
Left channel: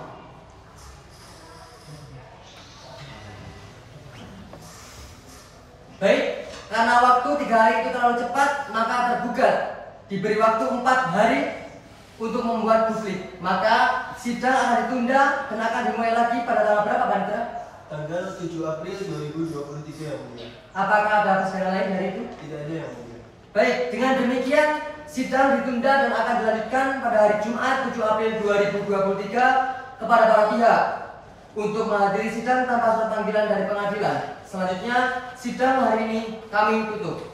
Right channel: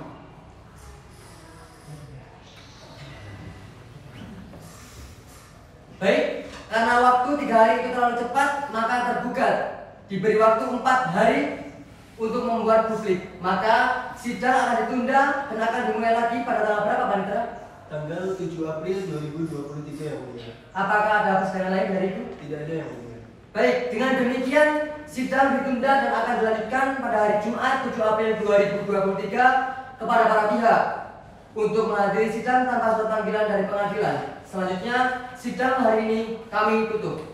Baik, karena waktu 3 hari itu terlalu cepat, maka tergugat diberi waktu 4 hari untuk membuat duplik. Maka sidang akan ditunda dan akan dimulai lagi pada tanggal berapa, Pak Nitra? Tanggal 7 April 2023 yang mulia. Apakah ada persidangan lain dari itu? Tidak ada yang mulia. Baik, dengan demikian sidang ditunda dan akan dilanjutkan pada hari Jumat 7 April 2023 kepada para pihak untuk menghadiri sidang tanpa surat panggilan dari pengadilan. Selanjutnya, sidang hari ini kami tutup.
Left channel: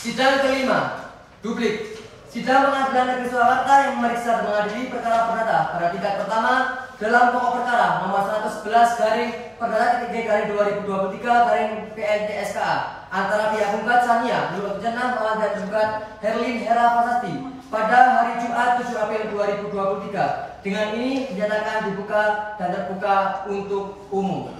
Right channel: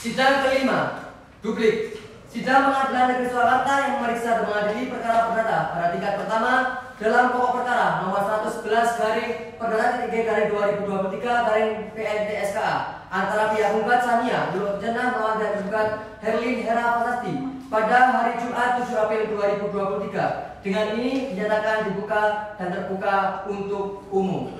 Sidang kelima, duplik. Sidang Pengadilan Negeri Surakarta yang memeriksa dan mengadili perkara perdata pada tingkat pertama dalam pokok perkara nomor 111 garing perdata titik garing 2023 garing PNTSKA antara pihak penggugat Sania Nurul Jannah melawan pihak tergugat Herlin Hera Fasasti pada hari Jumat 7 April 2023. Dengan ini dinyatakan dibuka dan terbuka untuk umum.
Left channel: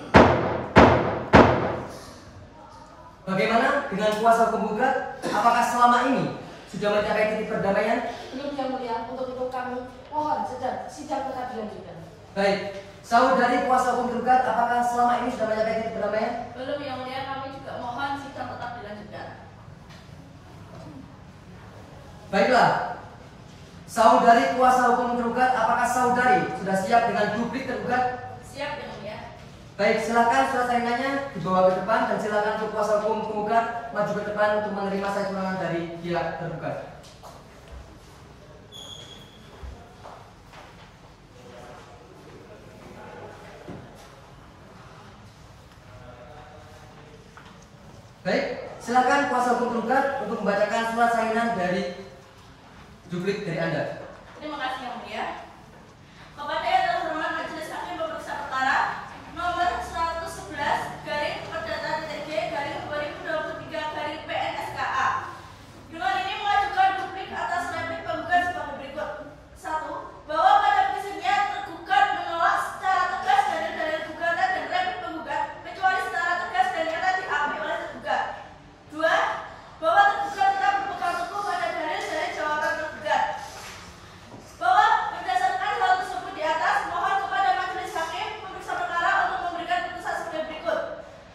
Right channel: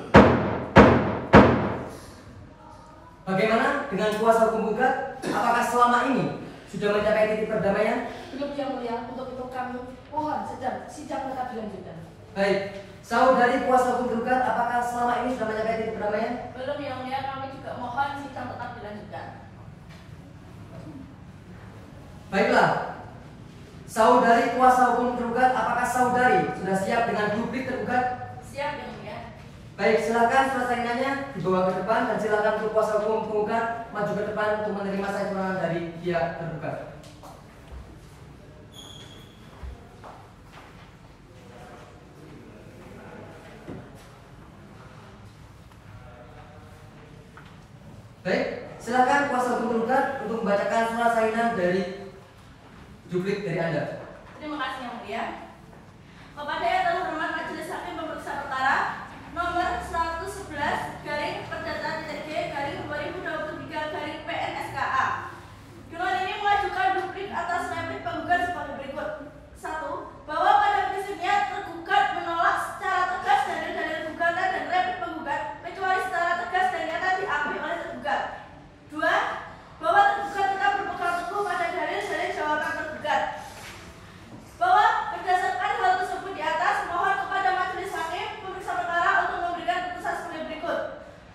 Bagaimana dengan kuasa hukum gugat? Apakah selama ini sudah mencapai titik perdamaian? Belum yang mulia, untuk itu kami mohon sidang tetap dilanjutkan. Baik, saudari kuasa hukum gugat, apakah selama ini sudah mencapai titik perdamaian? Belum yang mulia, kami juga mohon sidang tetap dilanjutkan. Baiklah, saudari kuasa hukum tergugat, apakah saudari sudah siap dengan duplik tergugat? Siap yang mulia. Baik, silakan surat saingannya dibawa ke depan dan silakan untuk kuasa hukum penggugat maju ke depan untuk menerima saya keterangan dari pihak tergugat. Baik, silakan kuasa hukum tergugat untuk membacakan surat sainan dari duplik dari Anda. Terima kasih yang mulia. Kepada yang terhormat Majelis Hakim Pemeriksa Perkara nomor 111 garing perdata TTG garing 2023 garing PNSKA. Dengan ini mengajukan duplik atas replik penggugat sebagai berikut. 1. Bahwa pada prinsipnya tergugat menolak secara tegas dalil-dalil gugatan dan replik penggugat kecuali secara tegas dan nyata diakui oleh tergugat. 2. Bahwa tergugat tetap berpegang teguh pada dalil-dalil jawaban tergugat. Bahwa berdasarkan hal tersebut di atas, mohon kepada Majelis Hakim Pemeriksa Perkara untuk memberikan putusan sebagai berikut:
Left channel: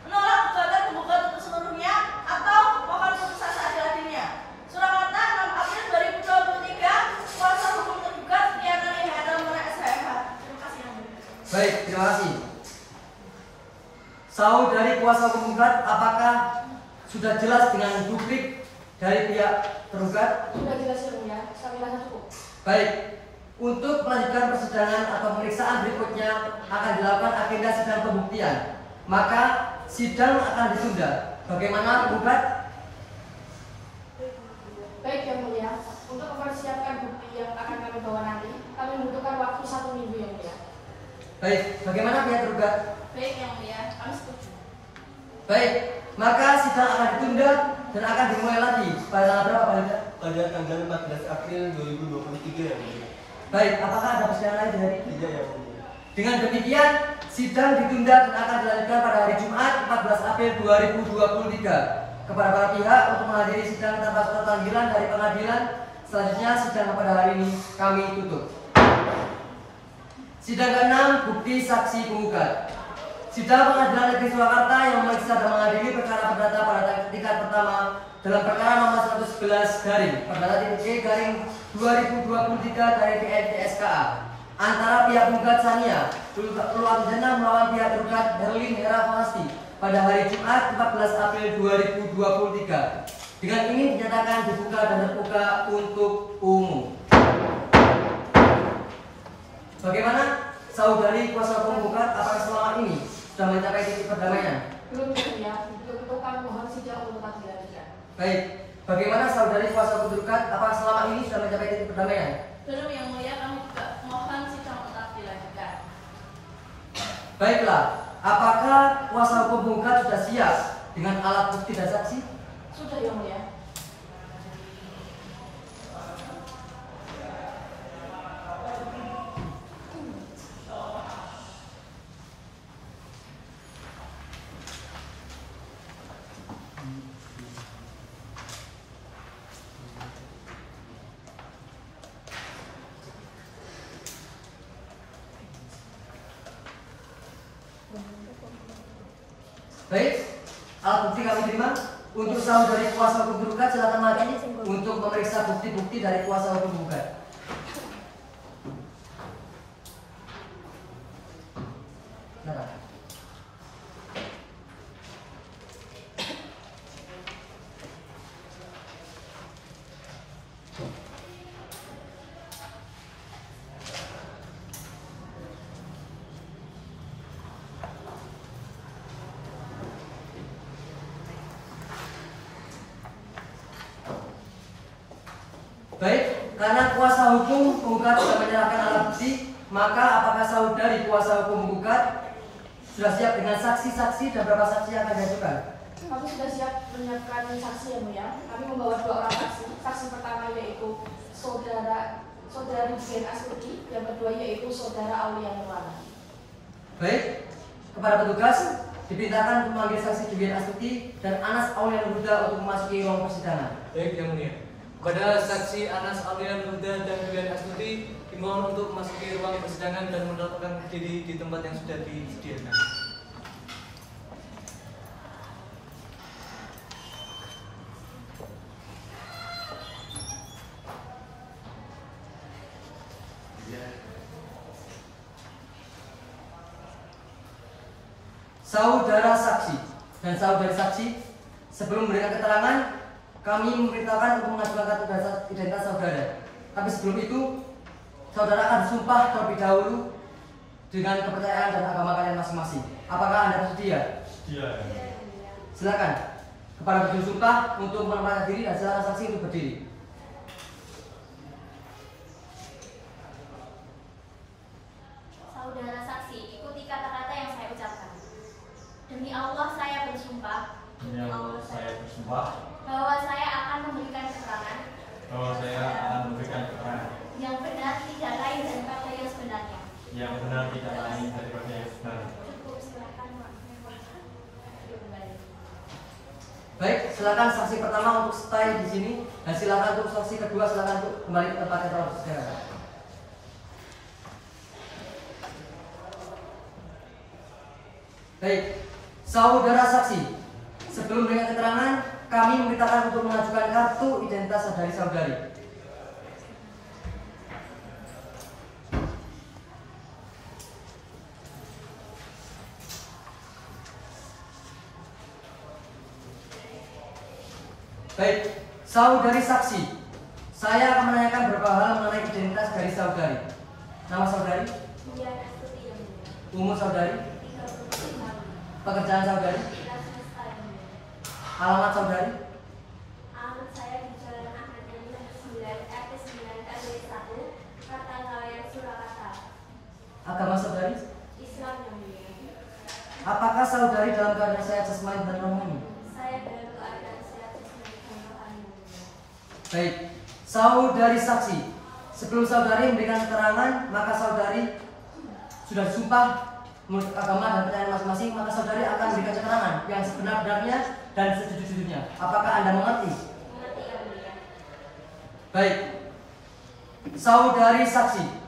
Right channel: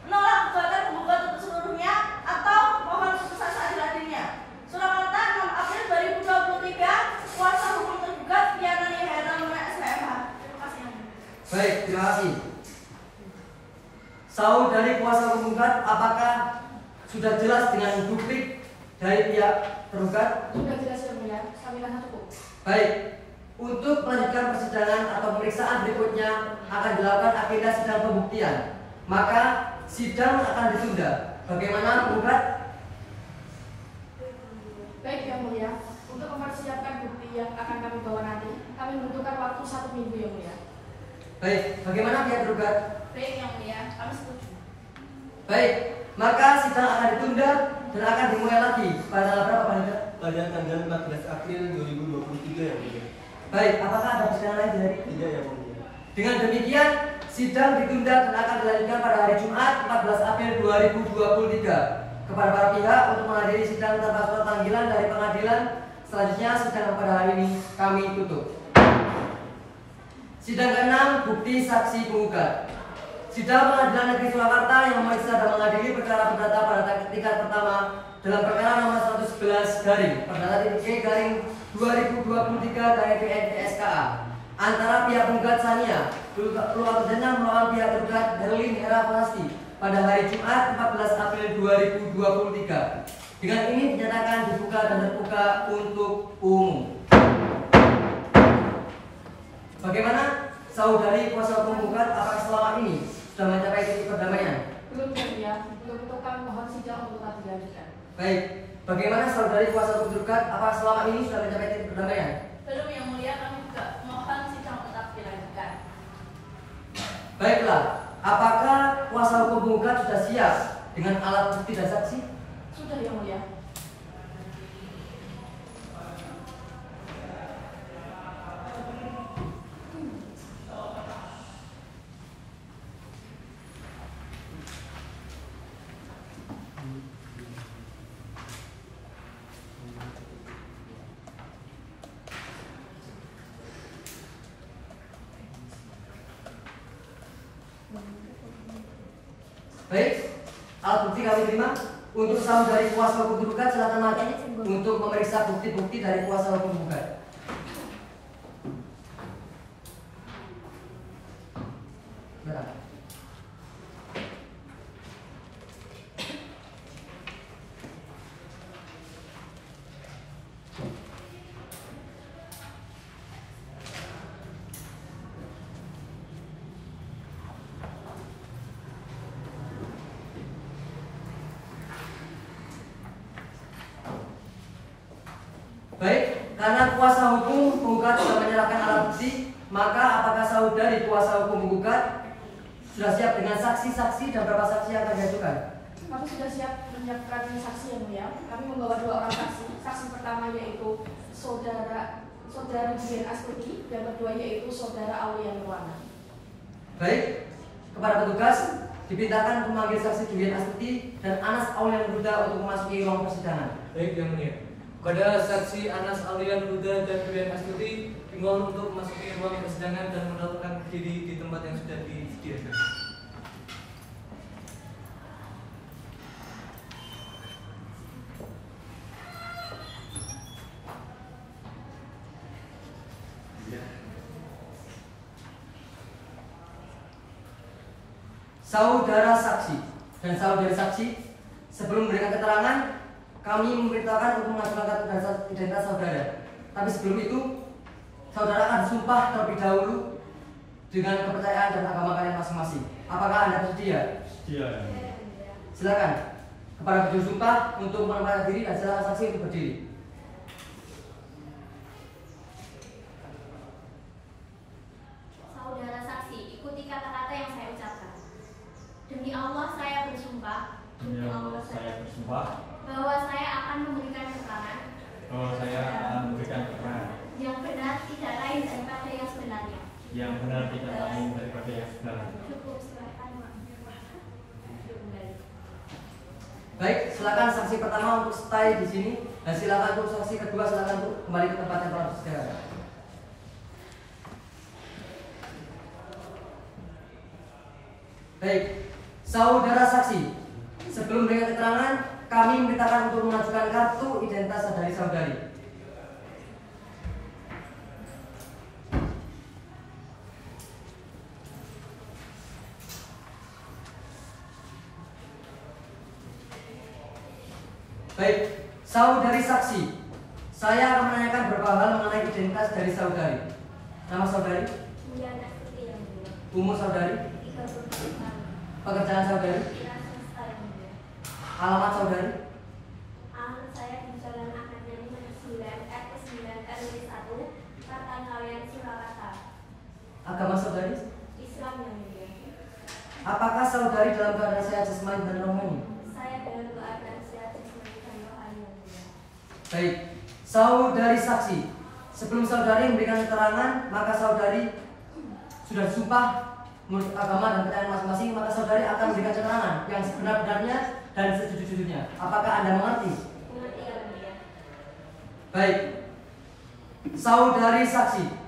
menolak gugatan penggugat untuk seluruhnya atau mohon putusan seadil-adilnya. Surakarta 6 April 2023. Kuasa hukum tergugat Diana Hera Mona SHMH. Terima kasih yang mulia. Baik, terima kasih. Saudari kuasa hukum penggugat, apakah sudah jelas dengan duplik dari pihak tergugat? Sudah jelas yang mulia, kami rasa cukup. Baik, untuk melanjutkan persidangan atau pemeriksaan berikutnya akan dilakukan agenda sidang pembuktian. Maka sidang akan ditunda. Bagaimana penggugat? Baik yang mulia, untuk mempersiapkan bukti yang akan kami bawa nanti, kami membutuhkan waktu 1 minggu yang mulia. Baik, bagaimana pihak tergugat? Baik yang mulia, kami setuju. Baik, maka sidang akan ditunda dan akan dimulai lagi pada tanggal berapa, Pak Hendra? Pada tanggal 14 April 2023 yang mulia. Baik, apakah ada persidangan lain di hari ini? Tidak yang mulia. Dengan demikian, sidang ditunda dan akan dilanjutkan pada hari Jumat 14 April 2023 kepada para pihak untuk menghadiri sidang tanpa surat panggilan dari pengadilan. Selanjutnya, sidang pada hari ini kami tutup. Sidang ke-6, bukti saksi penggugat. Sidang Pengadilan Negeri Surakarta yang memeriksa dan mengadili perkara perdata pada tingkat pertama dalam perkara nomor 111 garing perdata titik G garing 2023 garing PNTSKA antara pihak penggugat Sania Luarjana melawan pihak tergugat Herlin Hera Falasti pada hari Jumat 14 April 2023. Dengan ini dinyatakan dibuka dan terbuka untuk umum. Bagaimana saudari kuasa hukum penggugat, apakah selama ini sudah mencapai titik perdamaian? Belum ya, untuk itu kami mohon sidang untuk tetap dilanjutkan. Baik, bagaimana saudari kuasa hukum penggugat, apakah selama ini sudah mencapai titik perdamaian? Belum yang mulia, kami juga mohon sidang tetap dilanjutkan. Baiklah, apakah kuasa hukum penggugat sudah siap dengan alat bukti dan saksi? Sudah yang mulia. Baik, alat bukti kami terima. Untuk saudari kuasa hukum penggugat silakan maju untuk memeriksa bukti-bukti dari kuasa hukum penggugat. Silakan. Baik, karena kuasa hukum penggugat sudah menyerahkan alat bukti, maka apakah saudari kuasa hukum penggugat sudah siap dengan saksi-saksi dan berapa saksi yang akan diajukan? Kami sudah siap menyiapkan saksi yang mulia. Kami membawa 2 orang saksi. Saksi pertama yaitu saudara Dian Astuti, yang kedua yaitu saudara Aulia Nurwana. Baik, kepada petugas diperintahkan memanggil saksi Dian Astuti dan Anas Aulia Nurwana untuk memasuki ruang persidangan. Baik yang mulia. Kepada saksi Anas Aulia Nurwana dan Dian Astuti dimohon untuk memasuki ruang persidangan dan mendaftarkan diri di tempat yang sudah disediakan. Saudara saksi dan saudari saksi, sebelum memberikan keterangan, kami memberitahukan untuk mengajukan kartu identitas saudara. Tapi sebelum itu, saudara akan disumpah terlebih dahulu dengan kepercayaan dan agama kalian masing-masing. Apakah Anda bersedia? Sedia. Silakan kepada berdiri sumpah untuk menempatkan diri dan silakan saksi untuk berdiri. Saudara saksi, ikuti kata-kata yang saya ucapkan. Demi Allah saya bersumpah Demi Allah saya bersumpah bahwa saya akan memberikan keterangan bahwa saya akan memberikan keterangan yang benar, tidak lain daripada yang sebenarnya. yang benar, tidak lain daripada yang sebenarnya. Cukup, silakan. Baik, silakan saksi pertama untuk stay di sini dan silakan untuk saksi kedua silakan untuk kembali ke tempat yang telah disediakan. Baik, saudara saksi, sebelum memberikan keterangan, kami memberitakan untuk mengajukan kartu identitas saudari saudari. Baik, saudari saksi, saya akan menanyakan beberapa hal mengenai identitas dari saudari. Nama saudari, Dian Astuti yang mulia. umur saudari, 30 tahun. pekerjaan saudari, Dinas Swasta yang mulia. alamat saudari, Alamat saya di Jalan Ahmad Yani 9 RT 9 RW 1 Kartanggalian Surakarta. agama saudari. Islam yang mulia. Apakah saudari dalam keadaan sehat jasmani dan rohani? Saya dalam keadaan sehat jasmani dan rohani yang mulia. Baik, saudari saksi, sebelum saudari memberikan keterangan, maka saudari sudah sumpah menurut agama dan kepercayaan masing-masing, maka saudari akan memberikan keterangan yang sebenar-benarnya dan sejujur-jujurnya. Apakah Anda mengerti? Mengerti yang mulia. Baik, saudari saksi,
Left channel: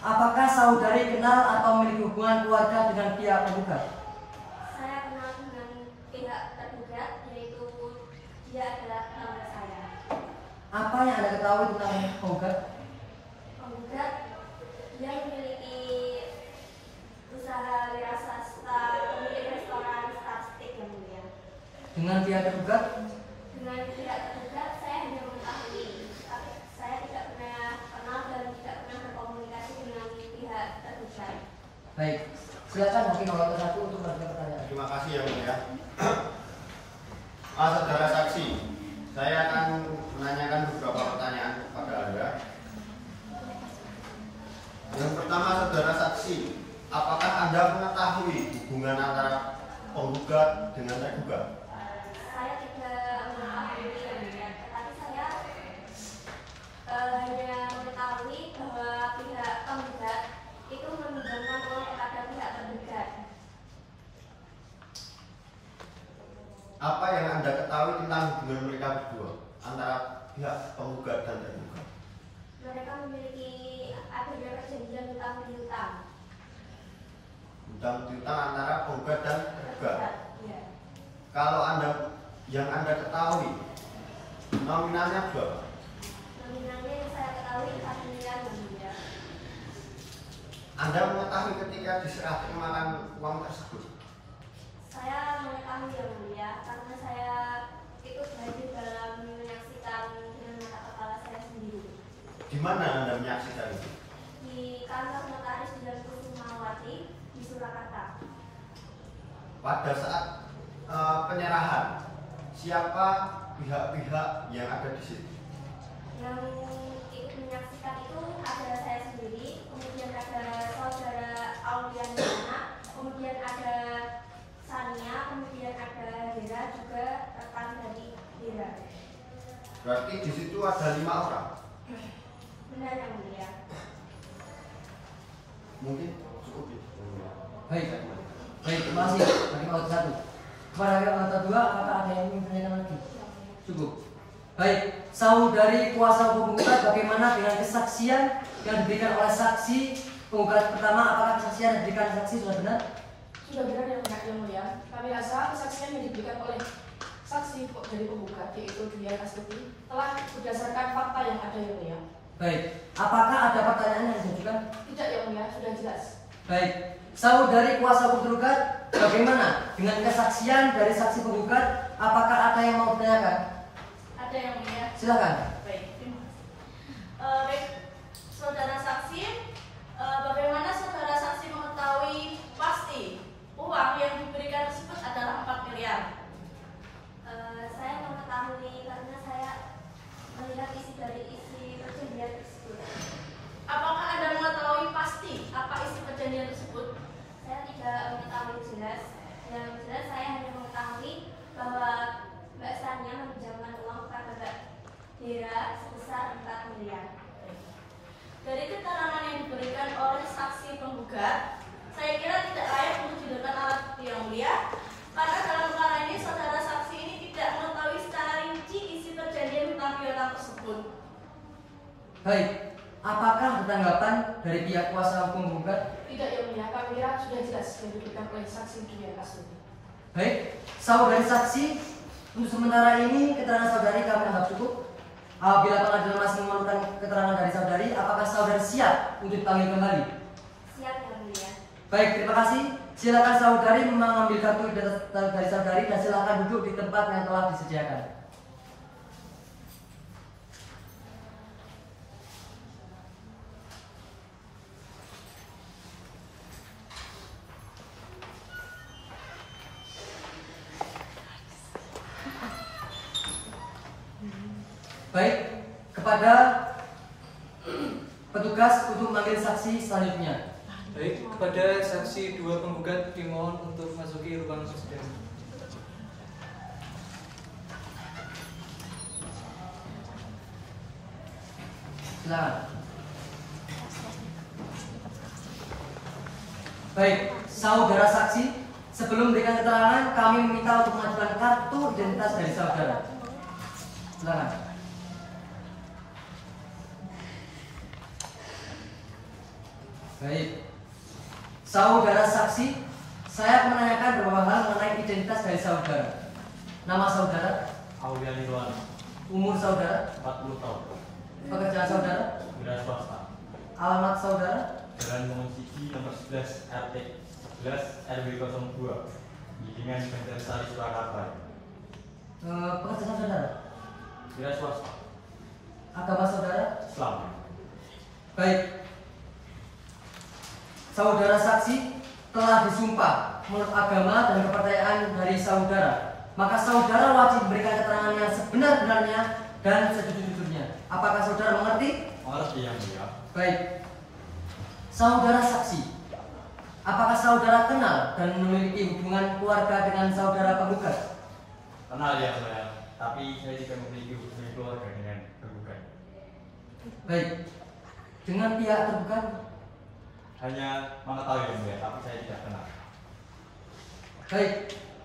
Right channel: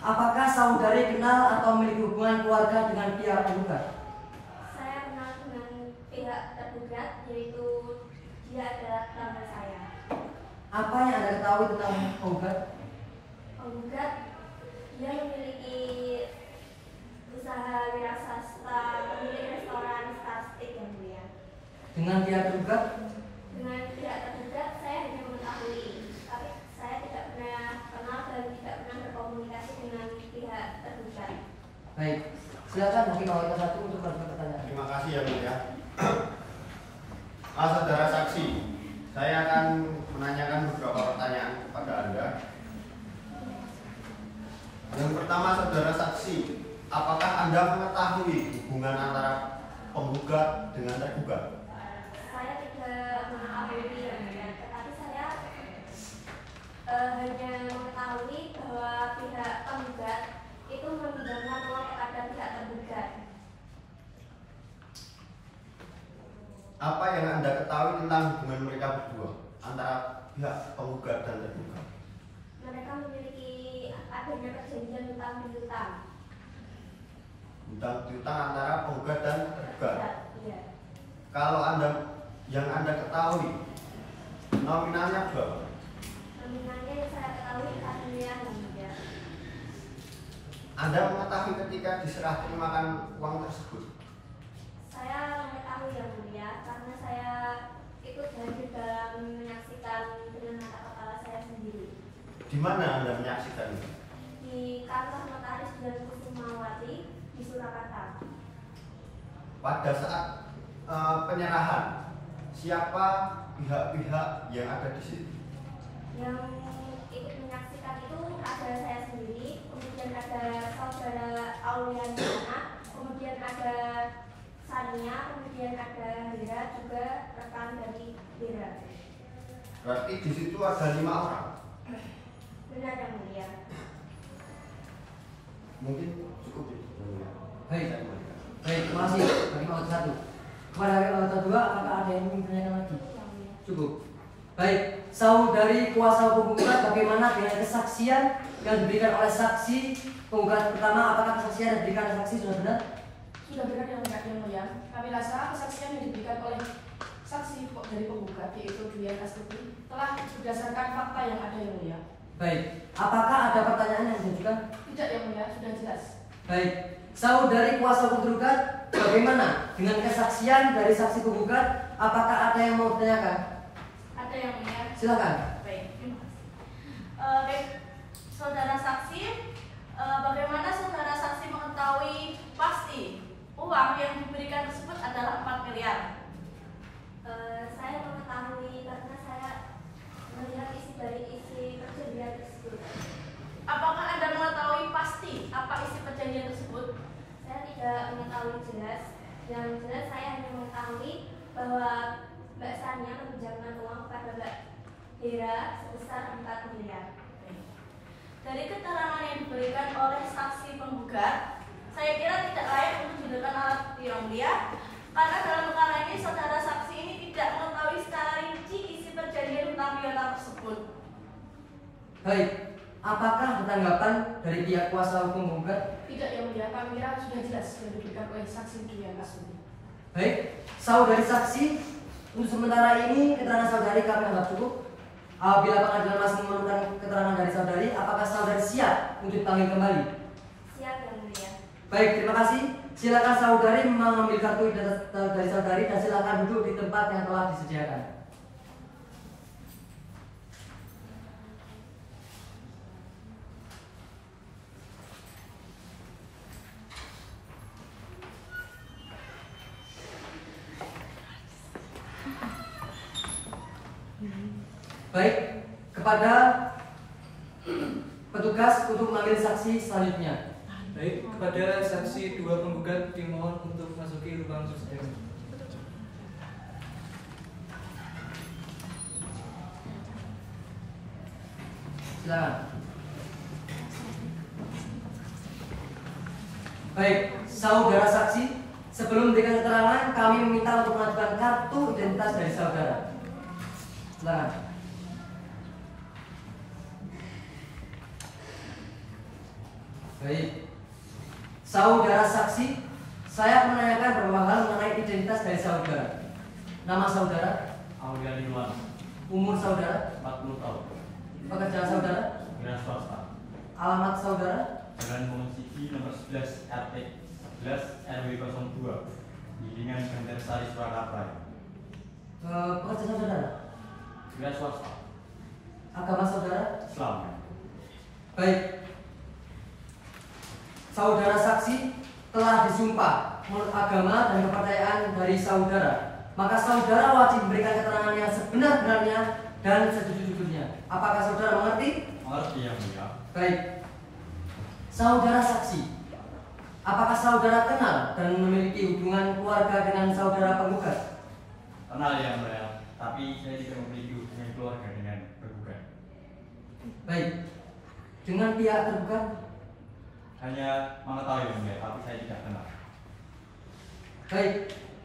apakah saudari kenal atau memiliki hubungan keluarga dengan pihak penggugat? Saya kenal dengan pihak tergugat, yaitu dia adalah tetangga saya. Apa yang Anda ketahui tentang penggugat? Penggugat dia memiliki Dengan pihak tergugat? Dengan pihak tergugat saya hanya mengetahui, tapi saya tidak pernah kenal dan tidak pernah berkomunikasi dengan pihak tergugat. Baik, silakan mungkin kalau satu untuk melakukan pertanyaan. Terima kasih yang mulia. Saudara saksi, saya akan menanyakan beberapa pertanyaan kepada Anda. Yang pertama, saudara saksi, apakah Anda mengetahui hubungan antara penggugat dengan tergugat? Saya tidak mengetahui yang mulia, tetapi saya hanya mengetahui bahwa pihak penggugat itu meminjamkan uang kepada pihak tergugat. Apa yang Anda ketahui tentang hubungan mereka berdua antara pihak penggugat dan tergugat? Mereka memiliki adanya perjanjian hutang piutang. Hutang piutang antara penggugat dan tergugat. Iya. Kalau yang Anda ketahui nominalnya berapa? Nominalnya yang saya ketahui 4 miliar yang mulia. Anda mengetahui ketika diserah terimakan uang tersebut? Saya mengetahui yang mulia karena saya ikut hadir dalam menyaksikan dengan mata kepala saya sendiri. Di mana Anda menyaksikan itu? Di kantor notaris dan Kusumawati di Surakarta. Pada saat penyerahan, siapa pihak-pihak yang ada di situ? Yang ikut menyaksikan itu ada saya sendiri, kemudian ada saudara Auliana, kemudian ada Sania, kemudian ada Hera, juga rekan dari Hera. Berarti di situ ada 5 orang. Benar yang mulia. Mungkin cukup ya. Baik, terima kasih bagi auto satu. Kepada auto dua, apakah ada yang ingin ditanyakan lagi? Cukup. Baik, saudari kuasa hukum penggugat, bagaimana dengan kesaksian yang diberikan oleh saksi penggugat pertama? Apakah kesaksian yang diberikan saksi sudah benar? Sudah benar yang mulia. Kami rasa kesaksian yang diberikan oleh saksi dari penggugat yaitu Dwi Astuti telah berdasarkan fakta yang ada yang mulia. Baik, apakah ada pertanyaan yang diajukan? Tidak yang mulia, sudah jelas. Baik, saudari kuasa hukum tergugat, bagaimana dengan kesaksian dari saksi penggugat? Apakah ada yang mau ditanyakan? Ada yang mulia. Silakan. Baik, baik, saudara saksi, bagaimana saudara saksi mengetahui pasti uang yang diberikan tersebut adalah 4 miliar? Saya mengetahui karena saya melihat dari isi perjanjian tersebut. Apakah Anda mengetahui pasti apa isi perjanjian tersebut? Saya tidak mengetahui jelas. Yang jelas saya hanya mengetahui bahwa Mbak Sania meminjamkan uang kepada Mbak Hera sebesar 4 miliar. Dari keterangan yang diberikan oleh saksi penggugat, saya kira tidak layak untuk dijadikan alat bukti yang mulia, karena dalam perkara ini saudara saksi ini tidak mengetahui secara rinci isi perjanjian hutang piutang tersebut. Baik, apakah ada tanggapan dari pihak kuasa hukum penggugat? Tidak yang mulia, kami kira sudah jelas yang diberikan oleh saksi Dwi Astuti. Baik, saudari saksi, untuk sementara ini keterangan saudari kami anggap cukup. Apabila pengadilan masih memerlukan keterangan dari saudari, apakah saudari siap untuk dipanggil kembali? Siap yang mulia. Baik, terima kasih. Silakan saudari mengambil kartu identitas dari saudari dan silakan duduk di tempat yang telah disediakan. Baik, kepada petugas untuk memanggil saksi selanjutnya. Baik, kepada saksi dua penggugat dimohon untuk masuki ruang persidangan. Silakan. Baik, saudara saksi, sebelum memberikan keterangan, kami meminta untuk mengajukan kartu identitas dari saudara. Silakan. Baik, saudara saksi, saya menanyakan beberapa hal mengenai identitas dari saudara. Nama saudara, Aulia Nirwan, umur saudara, 40 tahun, pekerjaan saudara, wira swasta, alamat saudara, Jalan Mongonciki nomor 11 RT 11 RW 02, Gilingan Banjar Sari, Surakarta. Pekerjaan saudara? Wira swasta. Agama saudara? Islam. Baik. Saudara saksi telah disumpah menurut agama dan kepercayaan dari saudara. Maka saudara wajib memberikan keterangan yang sebenar-benarnya dan sejujur-jujurnya. Apakah saudara mengerti? Mengerti yang mulia. Baik. Saudara saksi, apakah saudara kenal dan memiliki hubungan keluarga dengan saudara penggugat? Kenal yang mulia, tapi saya tidak memiliki hubungan keluarga dengan tergugat. Baik. Dengan pihak tergugat? Hanya mengetahui yang mulia, tapi saya tidak kenal. Baik.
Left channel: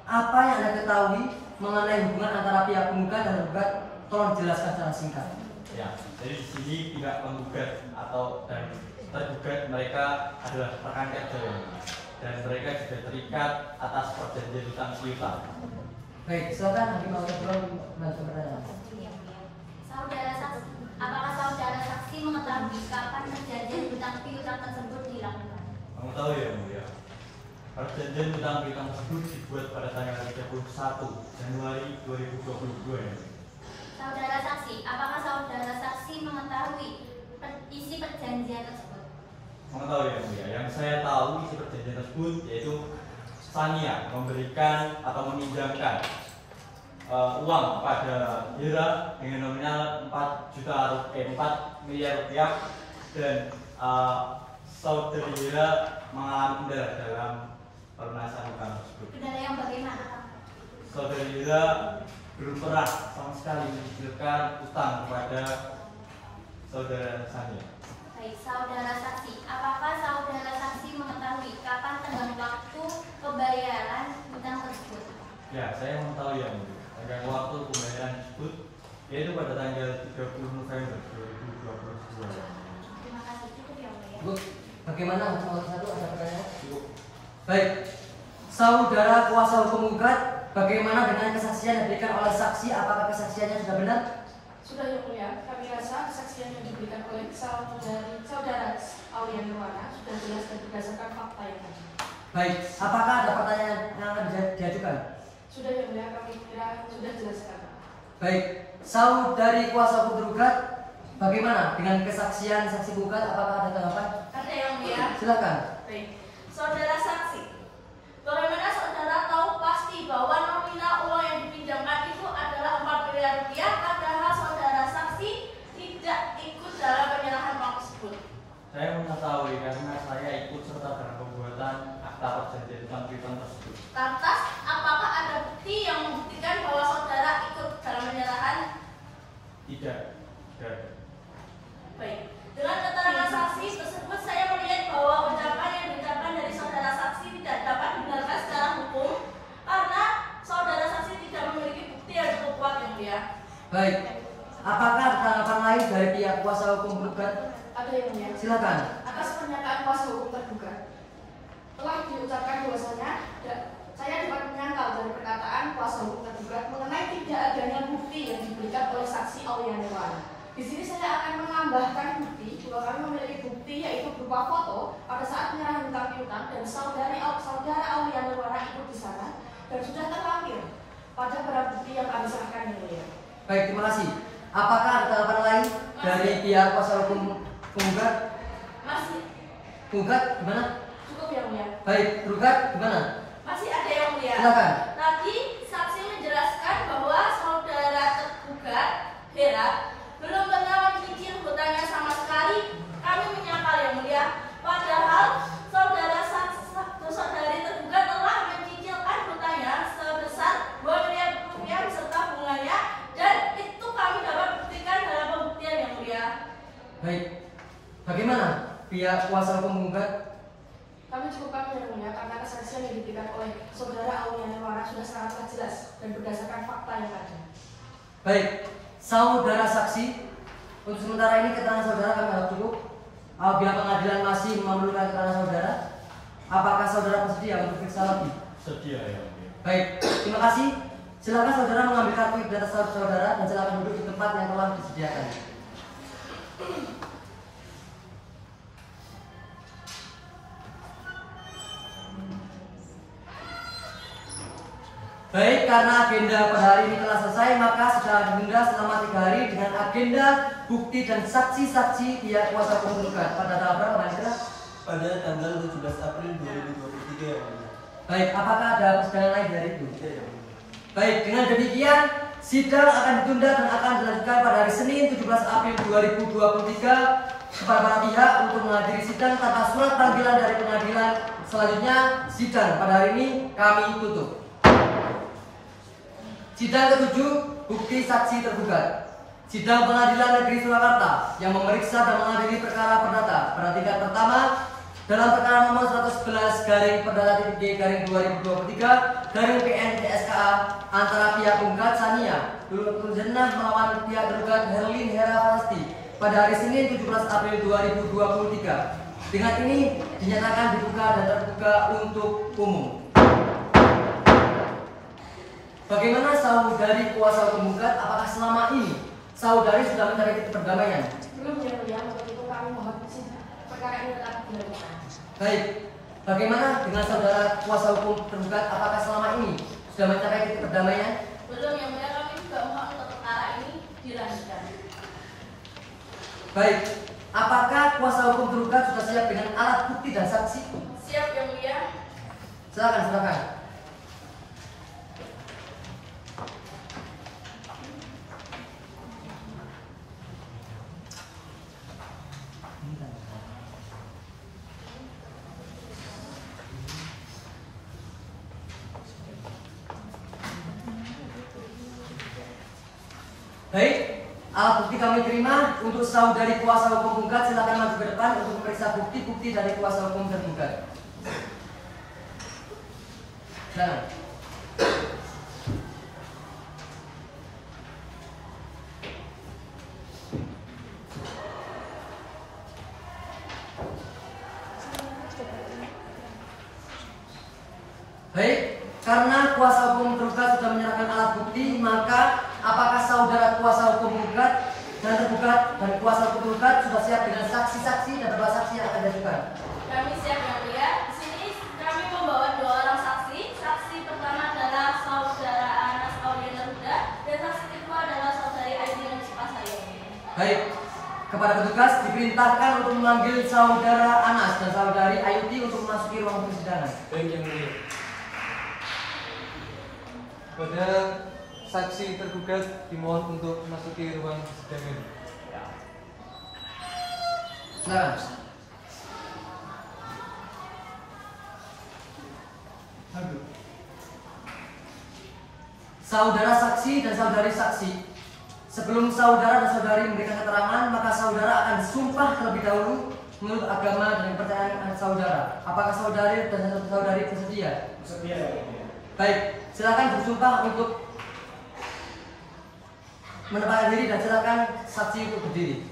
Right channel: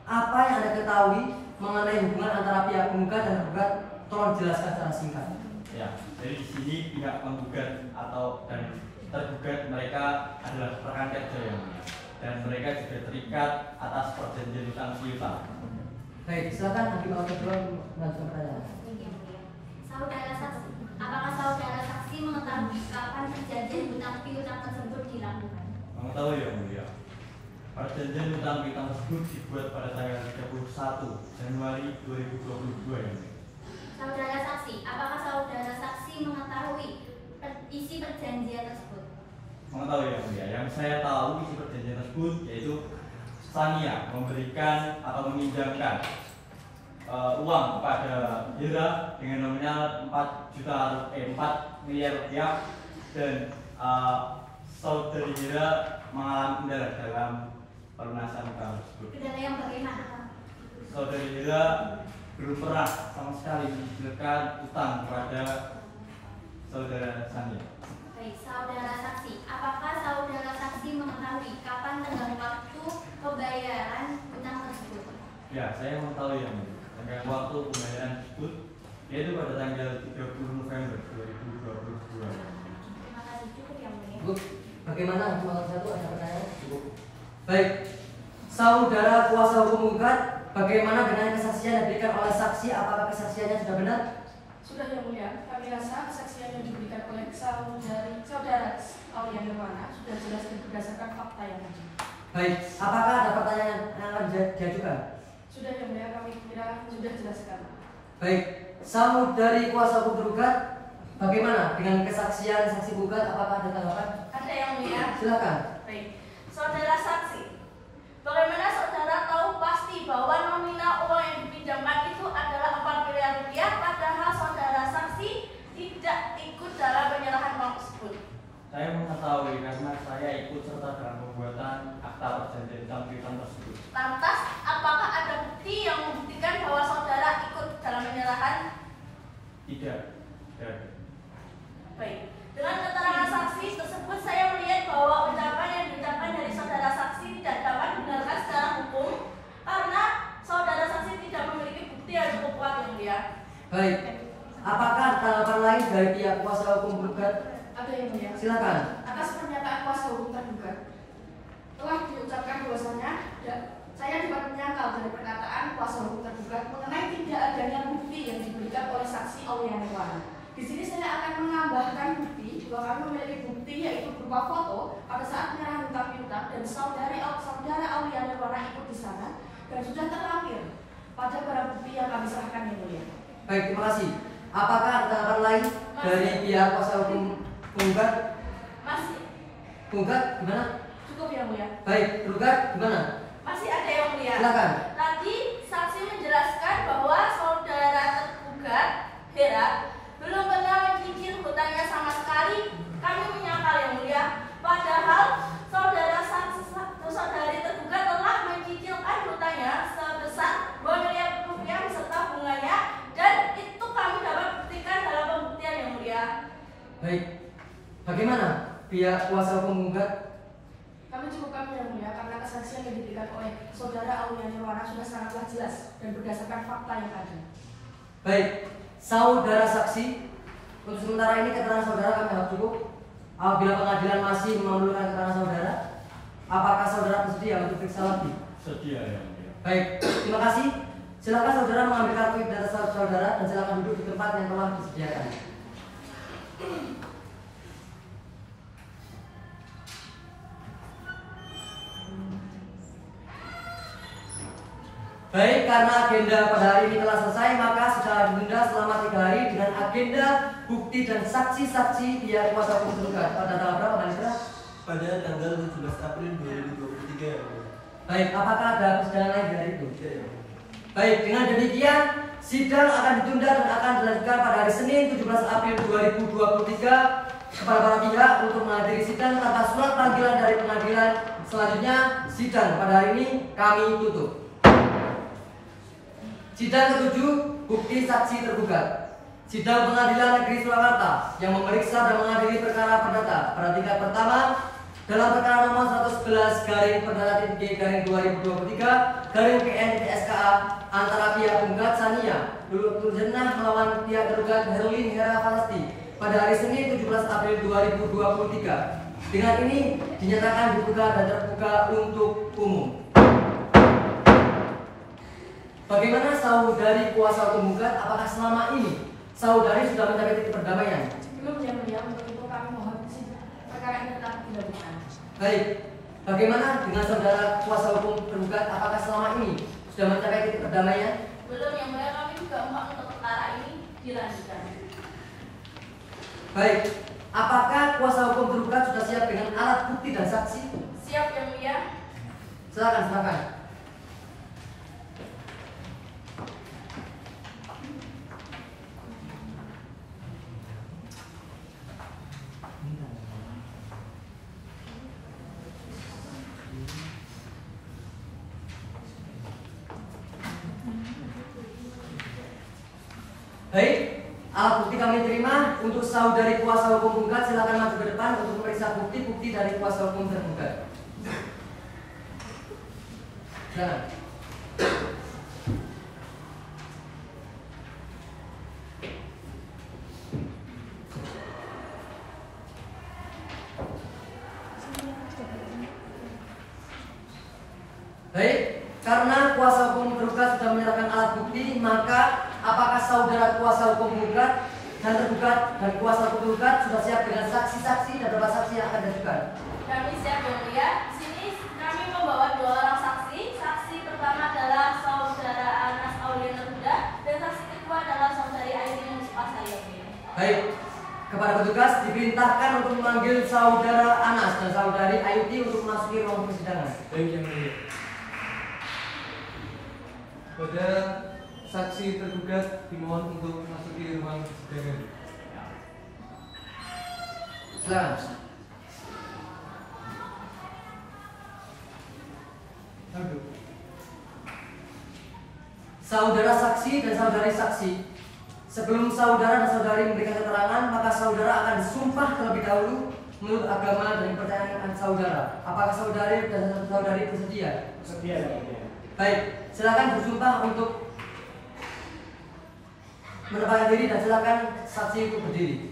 Apa yang Anda ketahui mengenai hubungan antara pihak penggugat dan tergugat? Tolong jelaskan secara singkat. Ya, jadi di sini pihak penggugat atau dan tergugat mereka adalah rekan kerja yang mulia, dan mereka juga terikat atas perjanjian hutang piutang. Baik, silakan Hakim Awal melanjutkan pertanyaan. Saudara saksi, apakah saudara saksi mengetahui kapan perjanjian hutang piutang tersebut dilakukan? Mengetahui yang mulia. Perjanjian hutang piutang tersebut dibuat pada tanggal 31 Januari 2022 yang mulia. Saudara saksi, apakah saudara saksi mengetahui isi perjanjian tersebut? Mengetahui yang mulia. Yang saya tahu isi perjanjian tersebut yaitu Sania memberikan atau meminjamkan uang kepada Hira dengan nominal 4 miliar rupiah, dan saudari Hira mengalami kendala dalam pelunasan utang tersebut. Kendala yang bagaimana? Saudari Hira belum pernah sama sekali mencicilkan utang kepada saudara Sania. Baik, saudara saksi, apakah saudara saksi mengetahui kapan tenggang waktu pembayaran hutang tersebut? Ya, saya mengetahui yang mulia. Tenggang waktu pembayaran tersebut yaitu pada tanggal 30 November 2022. Terima kasih, cukup yang mulia. Bu, bagaimana Hakim Awal satu ada pertanyaan? Baik. Saudara kuasa hukum penggugat, bagaimana dengan kesaksian yang diberikan oleh saksi? Apakah kesaksiannya sudah benar? Sudah yang mulia, kami rasa kesaksian yang diberikan oleh saudara Aulia Nirwana sudah jelas dan berdasarkan fakta yang ada. Baik, apakah ada pertanyaan yang akan diajukan? Sudah yang mulia, kami kira sudah jelaskan. Baik, saudari kuasa hukum tergugat, bagaimana dengan kesaksian saksi penggugat? Apakah ada tanggapan? Ada yang mulia. Silakan. Baik, saudara saksi, bagaimana saudara tahu pasti bahwa nominal uang yang dipinjamkan itu adalah 4 miliar rupiah, padahal saudara saksi tidak ikut dalam penyerahan uang tersebut? Saya mengetahui karena saya ikut serta dalam pembuatan akta perjanjian hutang piutang tersebut. Lantas, apakah ada bukti yang membuktikan bahwa saudara ikut dalam penyerahan? Tidak. Baik, dengan keterangan saksi tersebut saya melihat bahwa ucapan yang diucapkan dari saudara saksi tidak dapat dibenarkan secara hukum karena saudara saksi tidak memiliki bukti yang cukup kuat yang mulia. Baik, apakah ada tanggapan lain dari pihak kuasa hukum penggugat? Ada yang mulia. Silakan. Atas pernyataan kuasa hukum tergugat telah diucapkan bahwasanya saya dapat menyangkal dari perkataan kuasa hukum tergugat mengenai tidak adanya bukti yang diberikan oleh saksi Aulia Nirwana. Di sini saya akan menambahkan bukti bahwa kami memiliki bukti yaitu berupa foto pada saat penyerahan hutang piutang dan saudara Aulia Nirwana ikut di sana dan sudah terlampir pada barang bukti yang kami serahkan yang mulia. Baik, terima kasih. Apakah ada tanggapan lain dari pihak kuasa hukum penggugat? Masih Penggugat gimana? cukup yang mulia. Baik, tergugat gimana? Masih ada yang mulia. Silakan. Tadi saksi menjelaskan bahwa saudara tergugat Hera belum pernah mencicil hutangnya sama sekali. Kami menyangkal yang mulia. Padahal saudari tergugat telah mencicilkan hutangnya sebesar 2 miliar rupiah beserta bunganya, dan itu kami dapat buktikan dalam pembuktian yang mulia. Baik. Bagaimana pihak kuasa hukum penggugat? Kami cukupkan yang mulia karena kesaksian yang diberikan oleh saudara Aulia Nirwana sudah sangatlah jelas dan berdasarkan fakta yang ada. Baik, saudara saksi, untuk sementara ini keterangan saudara kami anggap cukup. Apabila pengadilan masih memerlukan keterangan saudara, apakah saudara bersedia untuk periksa lagi? Sedia yang mulia. Baik, terima kasih. Silakan saudara mengambil kartu identitas saudara dan silakan duduk di tempat yang telah disediakan. Baik, karena agenda pada hari ini telah selesai, maka setelah ditunda selama 3 hari dengan agenda bukti dan saksi-saksi pihak kuasa hukum tergugat. Pada tanggal berapa, Pak Isra? Pada tanggal 17 April 2023 ya mulia. Baik, apakah ada persidangan lain dari itu? Ya, ya mulia. Baik, dengan demikian sidang akan ditunda dan akan dilanjutkan pada hari Senin 17 April 2023 kepada para pihak untuk menghadiri sidang tanpa surat panggilan dari pengadilan. Selanjutnya sidang pada hari ini kami tutup. Sidang ke-7, bukti saksi tergugat. Sidang Pengadilan Negeri Surakarta yang memeriksa dan mengadili perkara perdata pada tingkat pertama dalam perkara nomor 111 garing perdata titik garing 2023 garing PN TSKA antara pihak penggugat Sania Lulu Jannah melawan pihak tergugat Herlin Hera Falasti pada hari Senin 17 April 2023. Dengan ini dinyatakan dibuka dan terbuka untuk umum. Bagaimana saudari kuasa hukum gugat? Apakah selama ini saudari sudah mencapai titik perdamaian? Belum ya mulia, untuk itu kami mohon perkara ini tetap dilanjutkan. Baik. Bagaimana dengan saudara kuasa hukum tergugat? Apakah selama ini sudah mencapai titik perdamaian? Belum yang mulia, kami juga mohon untuk perkara ini dilanjutkan. Baik. Apakah kuasa hukum tergugat sudah siap dengan alat bukti dan saksi? Siap yang mulia. Silakan. Baik, alat bukti kami terima. Untuk saudari kuasa hukum penggugat silakan maju ke depan untuk memeriksa bukti-bukti dari kuasa hukum tergugat. Silakan. Baik, karena kuasa hukum tergugat sudah menyerahkan alat bukti, maka apakah saudara kuasa hukum penggugat dan tergugat dan kuasa hukum tergugat sudah siap dengan saksi-saksi dan beberapa saksi yang akan diajukan? Kami siap yang mulia. Di sini kami membawa 2 orang saksi. Saksi pertama adalah saudara Anas Auliana Huda dan saksi kedua adalah saudari Aisyah Asaya. Baik, kepada petugas diperintahkan untuk memanggil saudara Anas dan saudari Ayuti untuk memasuki ruang persidangan. Baik yang mulia. Pada saksi tergugat dimohon untuk memasuki ruang persidangan. Silakan. Saudara saksi dan saudari saksi, sebelum saudara dan saudari memberikan keterangan, maka saudara akan disumpah terlebih dahulu menurut agama dan kepercayaan saudara. Apakah saudari dan saudari bersedia? Bersedia ya. Baik, silakan bersumpah untuk menempatkan diri dan silakan saksi untuk berdiri.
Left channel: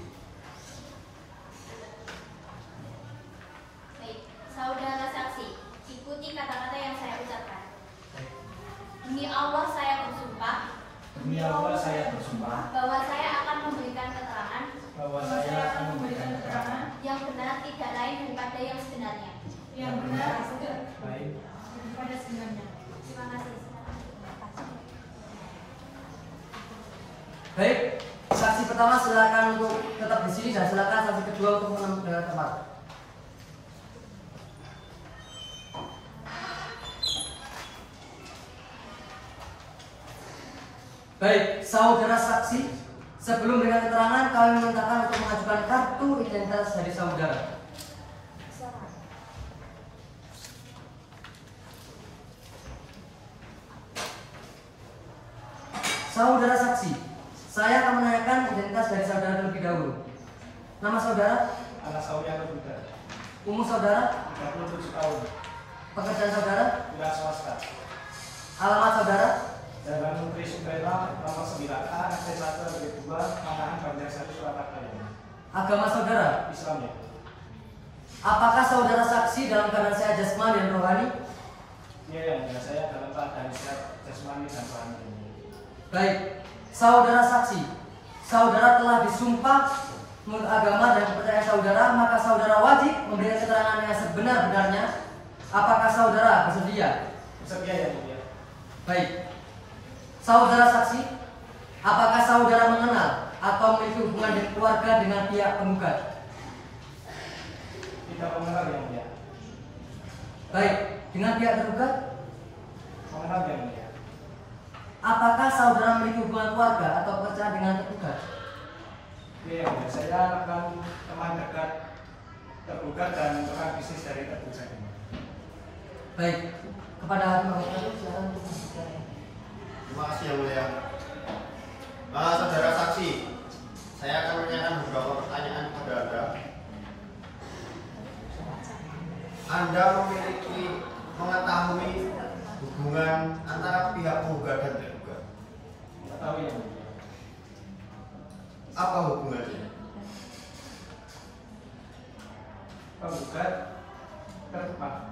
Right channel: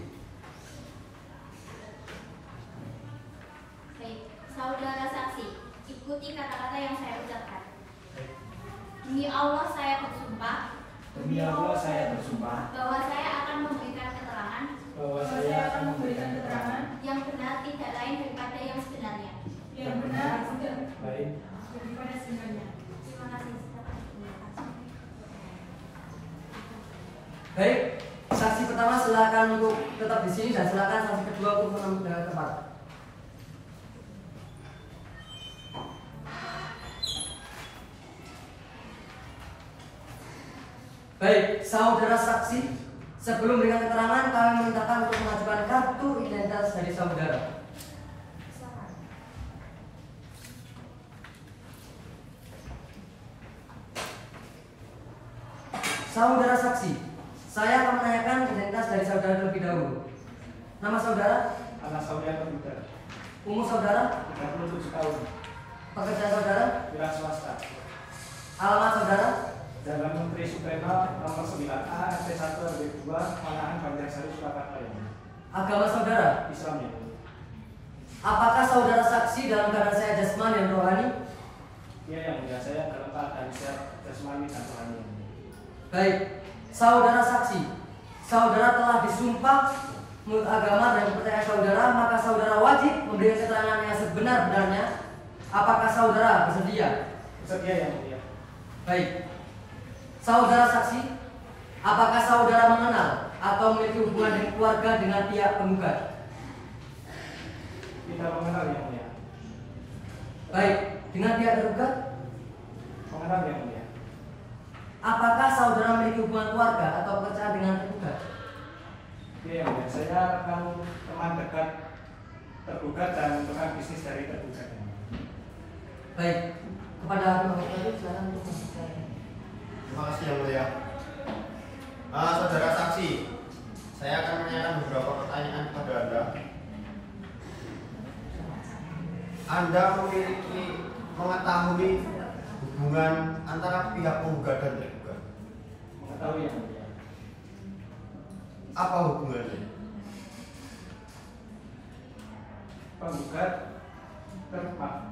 Baik, saudara saksi, ikuti kata-kata yang saya ucapkan. Demi Allah saya bersumpah. Demi Allah saya bersumpah Bahwa saya akan memberikan keterangan. bahwa saya akan memberikan keterangan Yang benar tidak lain daripada yang sebenarnya. Yang benar baik. daripada sebenarnya. Terima kasih. Baik, saksi pertama silakan untuk tetap di sini dan silakan saksi kedua untuk menemui dengan tempat. Baik, saudara saksi, sebelum memberikan keterangan kami memintakan untuk mengajukan kartu identitas dari saudara. Saudara saksi, saya akan menanyakan identitas dari saudara terlebih dahulu. Nama saudara, Anas Auliana Huda, umur saudara, 37 tahun, pekerjaan saudara, wira swasta. alamat saudara, Jalan Menteri Suprema nomor 9A RT 1 RW 2 Manahan Banjarsari Surakarta ini. agama saudara. Islam ya. Apakah saudara saksi dalam keadaan saya jasmani dan rohani? Iya yang mulia, saya dalam keadaan sehat jasmani dan rohani. Baik, saudara saksi, saudara telah disumpah menurut agama dan kepercayaan saudara, maka saudara wajib memberikan keterangan yang sebenar-benarnya. Apakah saudara bersedia? Bersedia yang mulia. Baik, Saudara saksi, apakah saudara mengenal atau memiliki hubungan dengan keluarga dengan pihak penggugat? Tidak mengenal yang mulia. Baik, dengan pihak tergugat? Mengenal yang mulia. Apakah saudara memiliki hubungan keluarga atau pekerjaan dengan tergugat? Ya, yang mulia. Saya akan teman dekat tergugat dan teman bisnis dari tergugat. Baik, kepada hakim anggota silakan untuk menyampaikan. Terima kasih yang mulia. Saudara saksi, saya akan menanyakan beberapa pertanyaan kepada Anda. Anda mengetahui hubungan antara pihak penggugat dan tergugat? Mengetahui yang mulia. Apa hubungannya?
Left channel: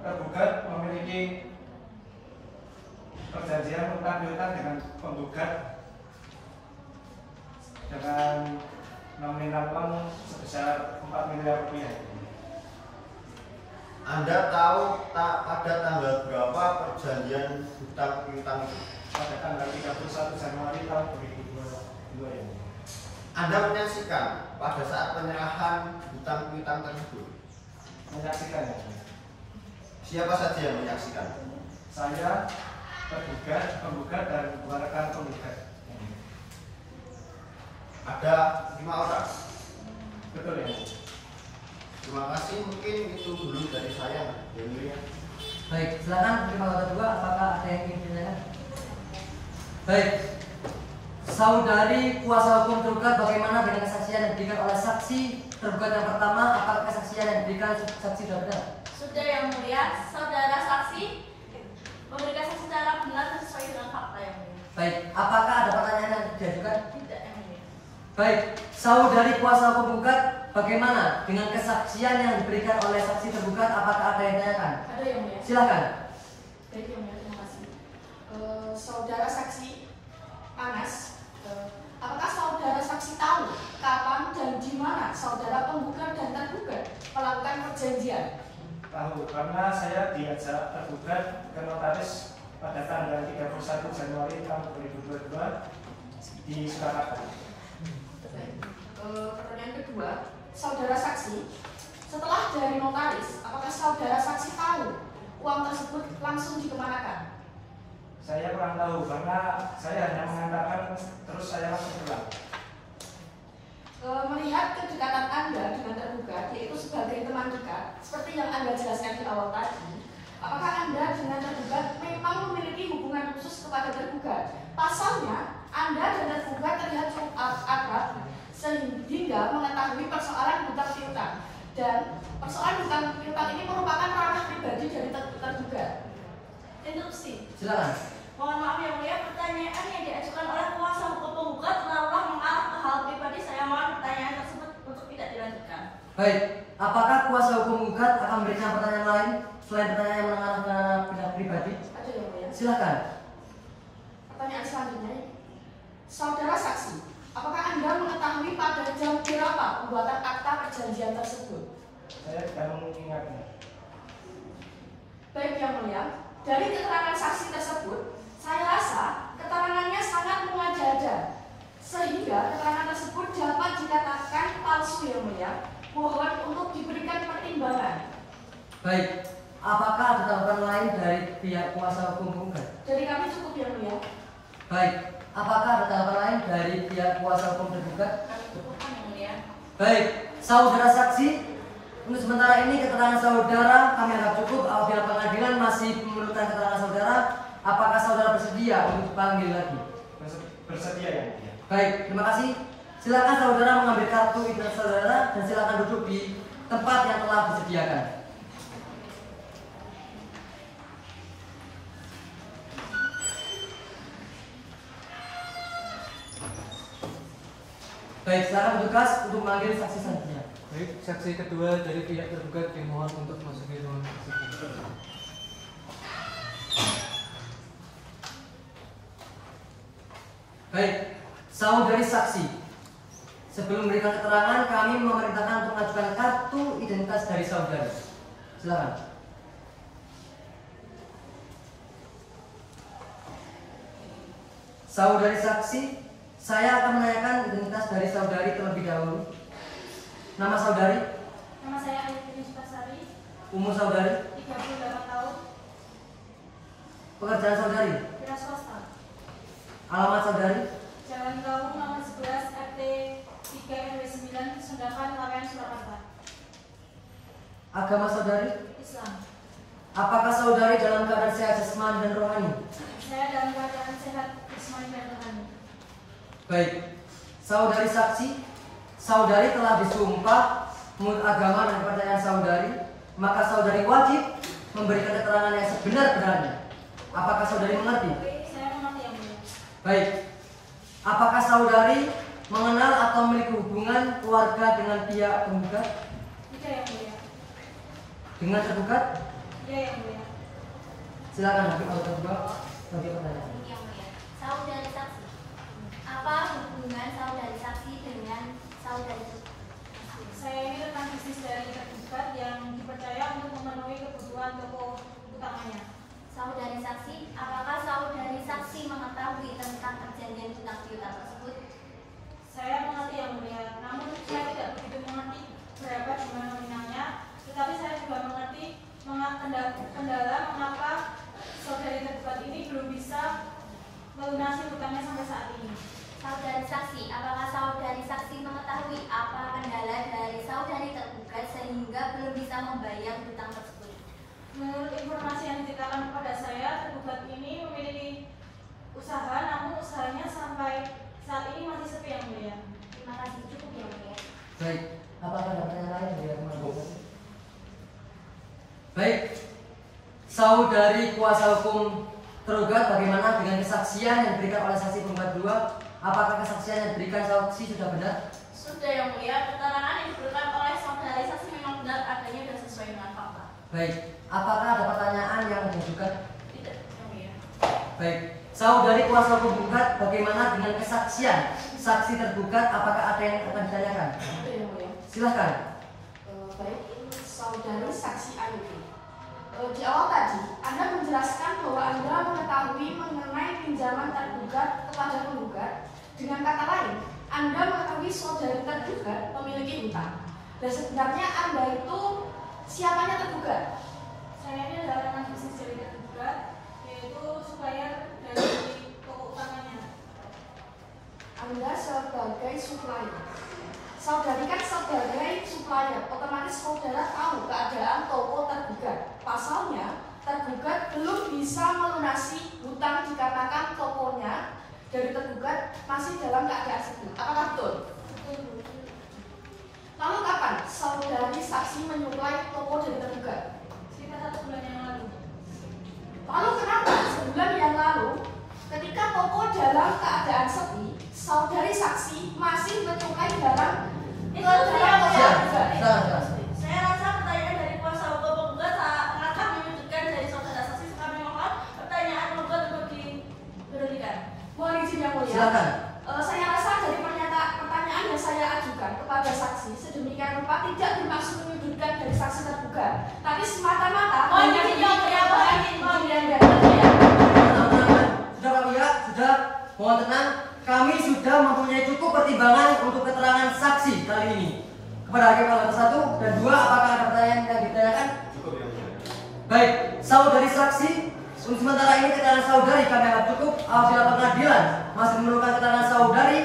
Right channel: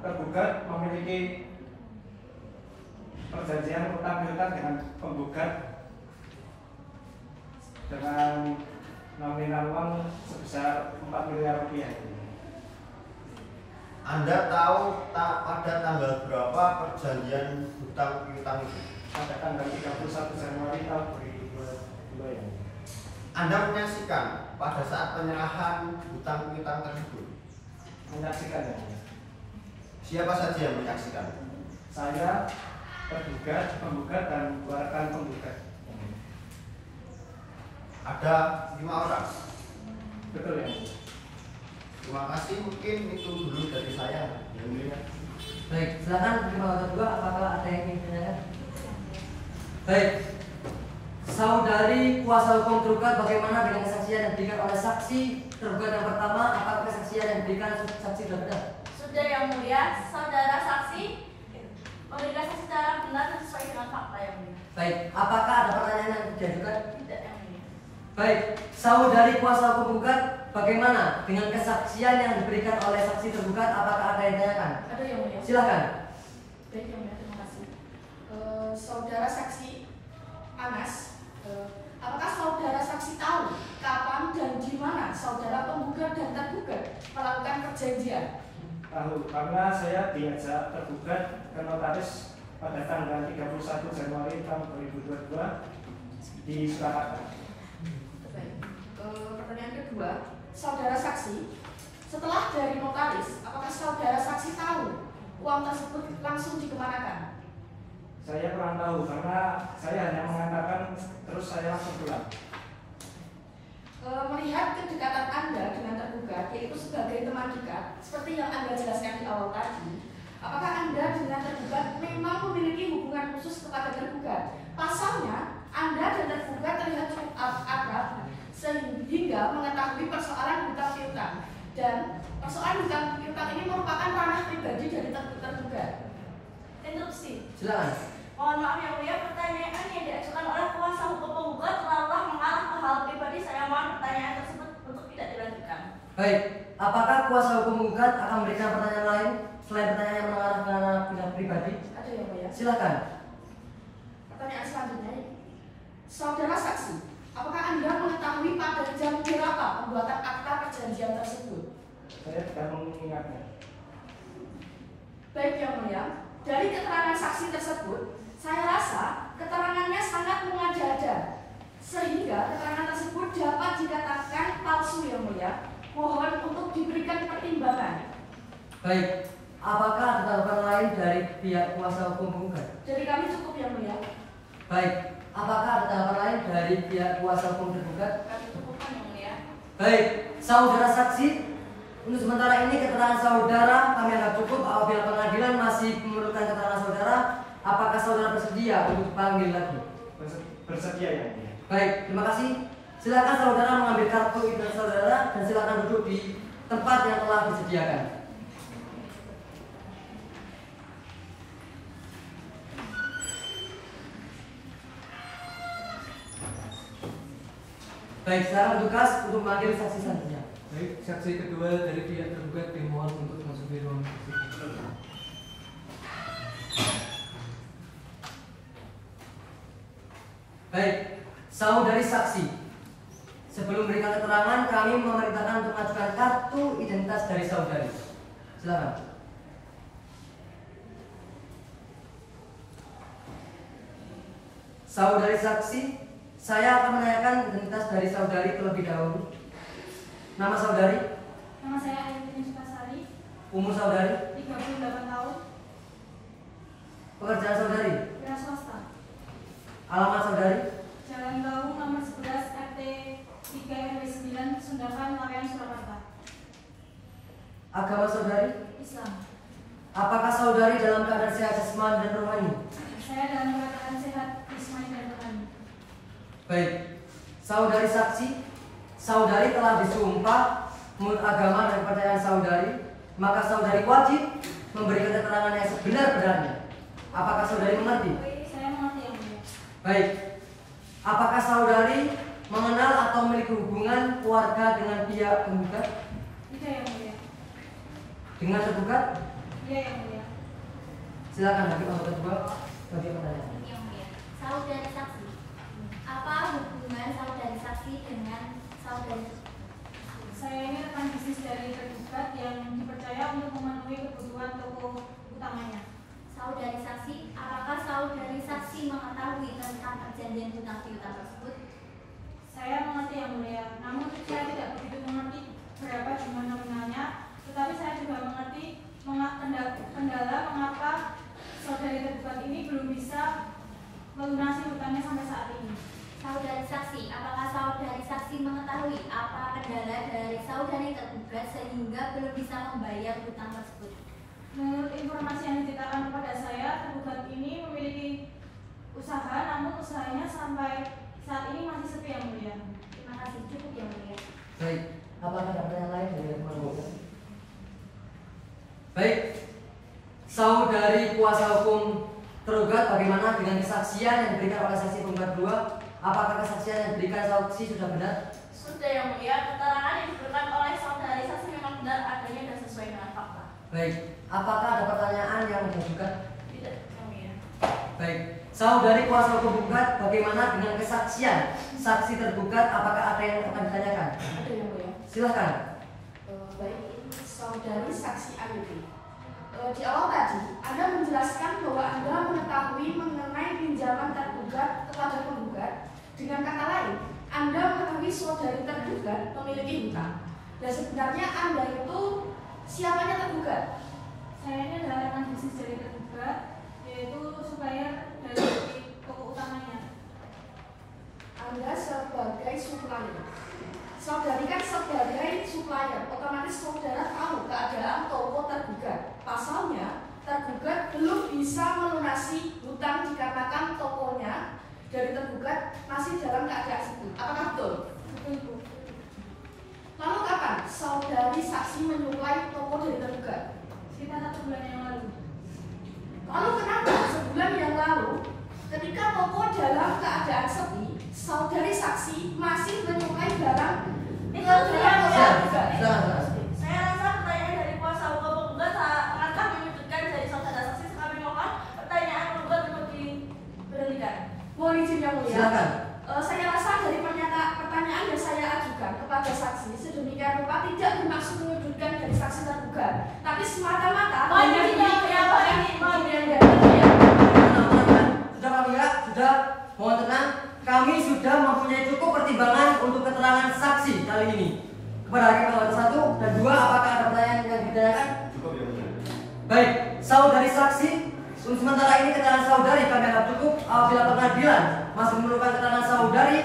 Tergugat memiliki perjanjian utang piutang dengan penggugat dengan nominal uang sebesar 4 miliar rupiah. Anda tahu pada tanggal berapa perjanjian hutang piutang itu? Pada tanggal 31 Januari tahun 2022 ya. Anda menyaksikan pada saat penyerahan hutang piutang tersebut? Menyaksikan ya. Siapa saja yang menyaksikan? Saya, tergugat, penggugat dan dua rekan penggugat. Ada 5 orang. Betul ya. Terima kasih, mungkin itu dulu dari saya. Yang mulia. Baik, silakan hakim anggota kedua, apakah ada yang ingin ditanyakan? Baik, saudari kuasa hukum tergugat, bagaimana dengan kesaksian yang diberikan oleh saksi tergugat yang pertama? Apakah kesaksian yang diberikan saksi sudah benar? Sudah yang mulia, saudara saksi memberikan saksi secara benar dan sesuai dengan fakta yang mulia. Baik, apakah ada pertanyaan yang diajukan? Tidak yang mulia. Baik, saudari kuasa hukum tergugat, bagaimana dengan kesaksian yang diberikan oleh saksi tergugat? Apakah ada yang ditanyakan? Ada yang mulia. Silakan. Baik yang mulia, terima kasih. Saudara saksi Anas, apakah saudara saksi tahu kapan dan di mana saudara penggugat dan tergugat melakukan perjanjian? Tahu, karena saya diajak tergugat ke notaris pada tanggal 31 Januari tahun 2022 di Surakarta. Baik. Pertanyaan kedua, saudara saksi, setelah dari notaris, apakah saudara saksi tahu uang tersebut langsung dikemanakan? Saya kurang tahu karena saya hanya mengantarkan terus saya langsung pulang. Melihat kedekatan Anda dengan tergugat, yaitu sebagai teman dekat, seperti yang Anda jelaskan di awal tadi, apakah Anda dengan tergugat memang memiliki hubungan khusus kepada tergugat? Pasalnya, Anda dan tergugat terlihat cukup akrab sehingga mengetahui persoalan hutang piutang, dan persoalan hutang piutang ini merupakan ranah pribadi dari tergugat. Interupsi. Silakan. Mohon maaf yang mulia, pertanyaan yang diajukan oleh kuasa hukum penggugat terlalu mengarah ke hal pribadi. Saya mohon pertanyaan tersebut untuk tidak dilanjutkan. Baik, apakah kuasa hukum penggugat akan memberikan pertanyaan lain selain pertanyaan yang mengarah ke bidang pribadi? Ada yang mulia. Silakan. Pertanyaan selanjutnya, saudara saksi, apakah Anda mengetahui pada jam berapa pembuatan akta perjanjian tersebut? Saya tidak mengingatnya. Baik yang mulia, dari keterangan saksi tersebut, saya rasa keterangannya sangat mengada-ada, sehingga keterangan tersebut dapat dikatakan palsu yang mulia. Mohon untuk diberikan pertimbangan. Baik, apakah ada tanggapan lain dari pihak kuasa hukum penggugat? Dari kami cukup yang mulia. Baik, apakah ada tanggapan lain dari pihak kuasa hukum tergugat? Kami cukup yang mulia. Baik, saudara saksi, untuk sementara ini keterangan saudara kami anggap cukup. Apabila pengadilan masih memerlukan keterangan saudara, apakah saudara bersedia untuk dipanggil lagi? Bersedia ya. Baik, terima kasih. Silakan saudara mengambil kartu identitas saudara dan silakan duduk di tempat yang telah disediakan. Baik, sekarang tugas untuk memanggil saksi selanjutnya. Baik, saksi kedua dari pihak tergugat dimohon untuk masuk di ruang persidangan. Baik, saudari saksi, sebelum memberikan keterangan, kami memerintahkan untuk mengajukan kartu identitas dari saudari. Silakan. Saudari saksi, saya akan menanyakan identitas dari saudari terlebih dahulu. Nama saudari? Nama saya Ayudini Supasari. Umur saudari? 38 tahun. Pekerjaan saudari? Wira swasta. Alamat saudari? Jalan Gaung nomor 11 RT 3 RW 9 Sendakan Lawean Surakarta. Agama saudari? Islam. Apakah saudari dalam keadaan sehat jasmani dan rohani? Saya dalam keadaan sehat jasmani dan rohani. Baik, saudari saksi, saudari telah disumpah menurut agama dan kepercayaan saudari, maka saudari wajib memberikan keterangan yang sebenar-benarnya. Apakah saudari mengerti? Saya mengerti yang mulia. Baik, apakah saudari mengenal atau memiliki hubungan keluarga dengan pihak penggugat? Tidak yang mulia. Dengan tergugat? Iya yang mulia. Silakan hakim anggota kedua bagi pertanyaan. Yang mulia. Saudari saksi, apa hubungan saudari saksi dengan saudari tergugat? Saya ini rekan bisnis dari tergugat yang dipercaya untuk memenuhi kebutuhan toko utamanya. Saudari saksi, apakah saudari saksi mengetahui tentang perjanjian hutang piutang tersebut? Saya mengerti yang mulia, namun saya tidak begitu mengerti berapa jumlah nominalnya, tetapi saya juga mengerti kendala mengapa saudari tergugat ini belum bisa melunasi hutangnya sampai saat ini. Saudari saksi, apakah saudari saksi mengetahui apa kendala dari saudari tergugat sehingga belum bisa membayar hutang tersebut? Menurut informasi yang diceritakan kepada saya, tergugat ini memiliki usaha, namun usahanya sampai saat ini masih sepi yang mulia. Terima kasih, cukup yang mulia. Baik, apakah ada pertanyaan lain dari teman-teman? Baik, saudari kuasa hukum tergugat bagaimana dengan kesaksian yang diberikan oleh saksi penggugat 2? Apakah kesaksian yang diberikan saksi sudah benar? Sudah yang mulia, keterangan yang diberikan oleh saudari saksi memang benar adanya dan sesuai dengan fakta. Baik, apakah ada pertanyaan yang diajukan? Tidak, yang mulia. Baik, saudari kuasa hukum tergugat bagaimana dengan kesaksian saksi tergugat? Apakah ada yang akan ditanyakan? Itu yang mulia. Silahkan. Baik, saudari saksi Ayudini. Di awal tadi, Anda menjelaskan bahwa Anda mengetahui mengenai pinjaman tergugat kepada penggugat. Dengan kata lain, Anda mengetahui saudari tergugat memiliki hutang. Dan sebenarnya Anda itu siapanya tergugat? Saya ini adalah rekan bisnis dari tergugat, yaitu supplier dari toko utamanya. Anda sebagai supplier. Saudari kan sebagai supplier, otomatis saudara tahu keadaan toko tergugat. Pasalnya, tergugat belum bisa melunasi hutang dikarenakan tokonya dari tergugat masih dalam keadaan sepi. Apakah betul? Betul. Lalu kapan saudari saksi menyuplai toko dari tergugat? Sekitar 1 bulan yang lalu. Lalu kenapa sebulan yang lalu, ketika toko dalam keadaan sepi, saudari saksi masih menyuplai barang ke dalam toko tergugat? Saya rasa pertanyaan dari kuasa hukum penggugat akan menyudutkan dari saudara saksi. Kami mohon pertanyaan penggugat untuk diberikan. Mohon izin yang mulia. Silakan. Saya rasa dari pertanyaan yang saya ajukan kepada saksi sedemikian rupa tidak bermaksud menyudutkan dari saksi tergugat, tapi semata-mata Mohon izin yang mulia, mohon izin. Sudah Pak Wira, sudah, mohon tenang. Kami sudah mempunyai cukup pertimbangan untuk keterangan saksi kali ini. Kepada hakim anggota 1 dan 2, apakah ada pertanyaan yang ditanyakan? Cukup ya. Baik, saudari saksi, untuk sementara ini keterangan saudari kami anggap cukup. Apabila pengadilan masih memerlukan keterangan saudari,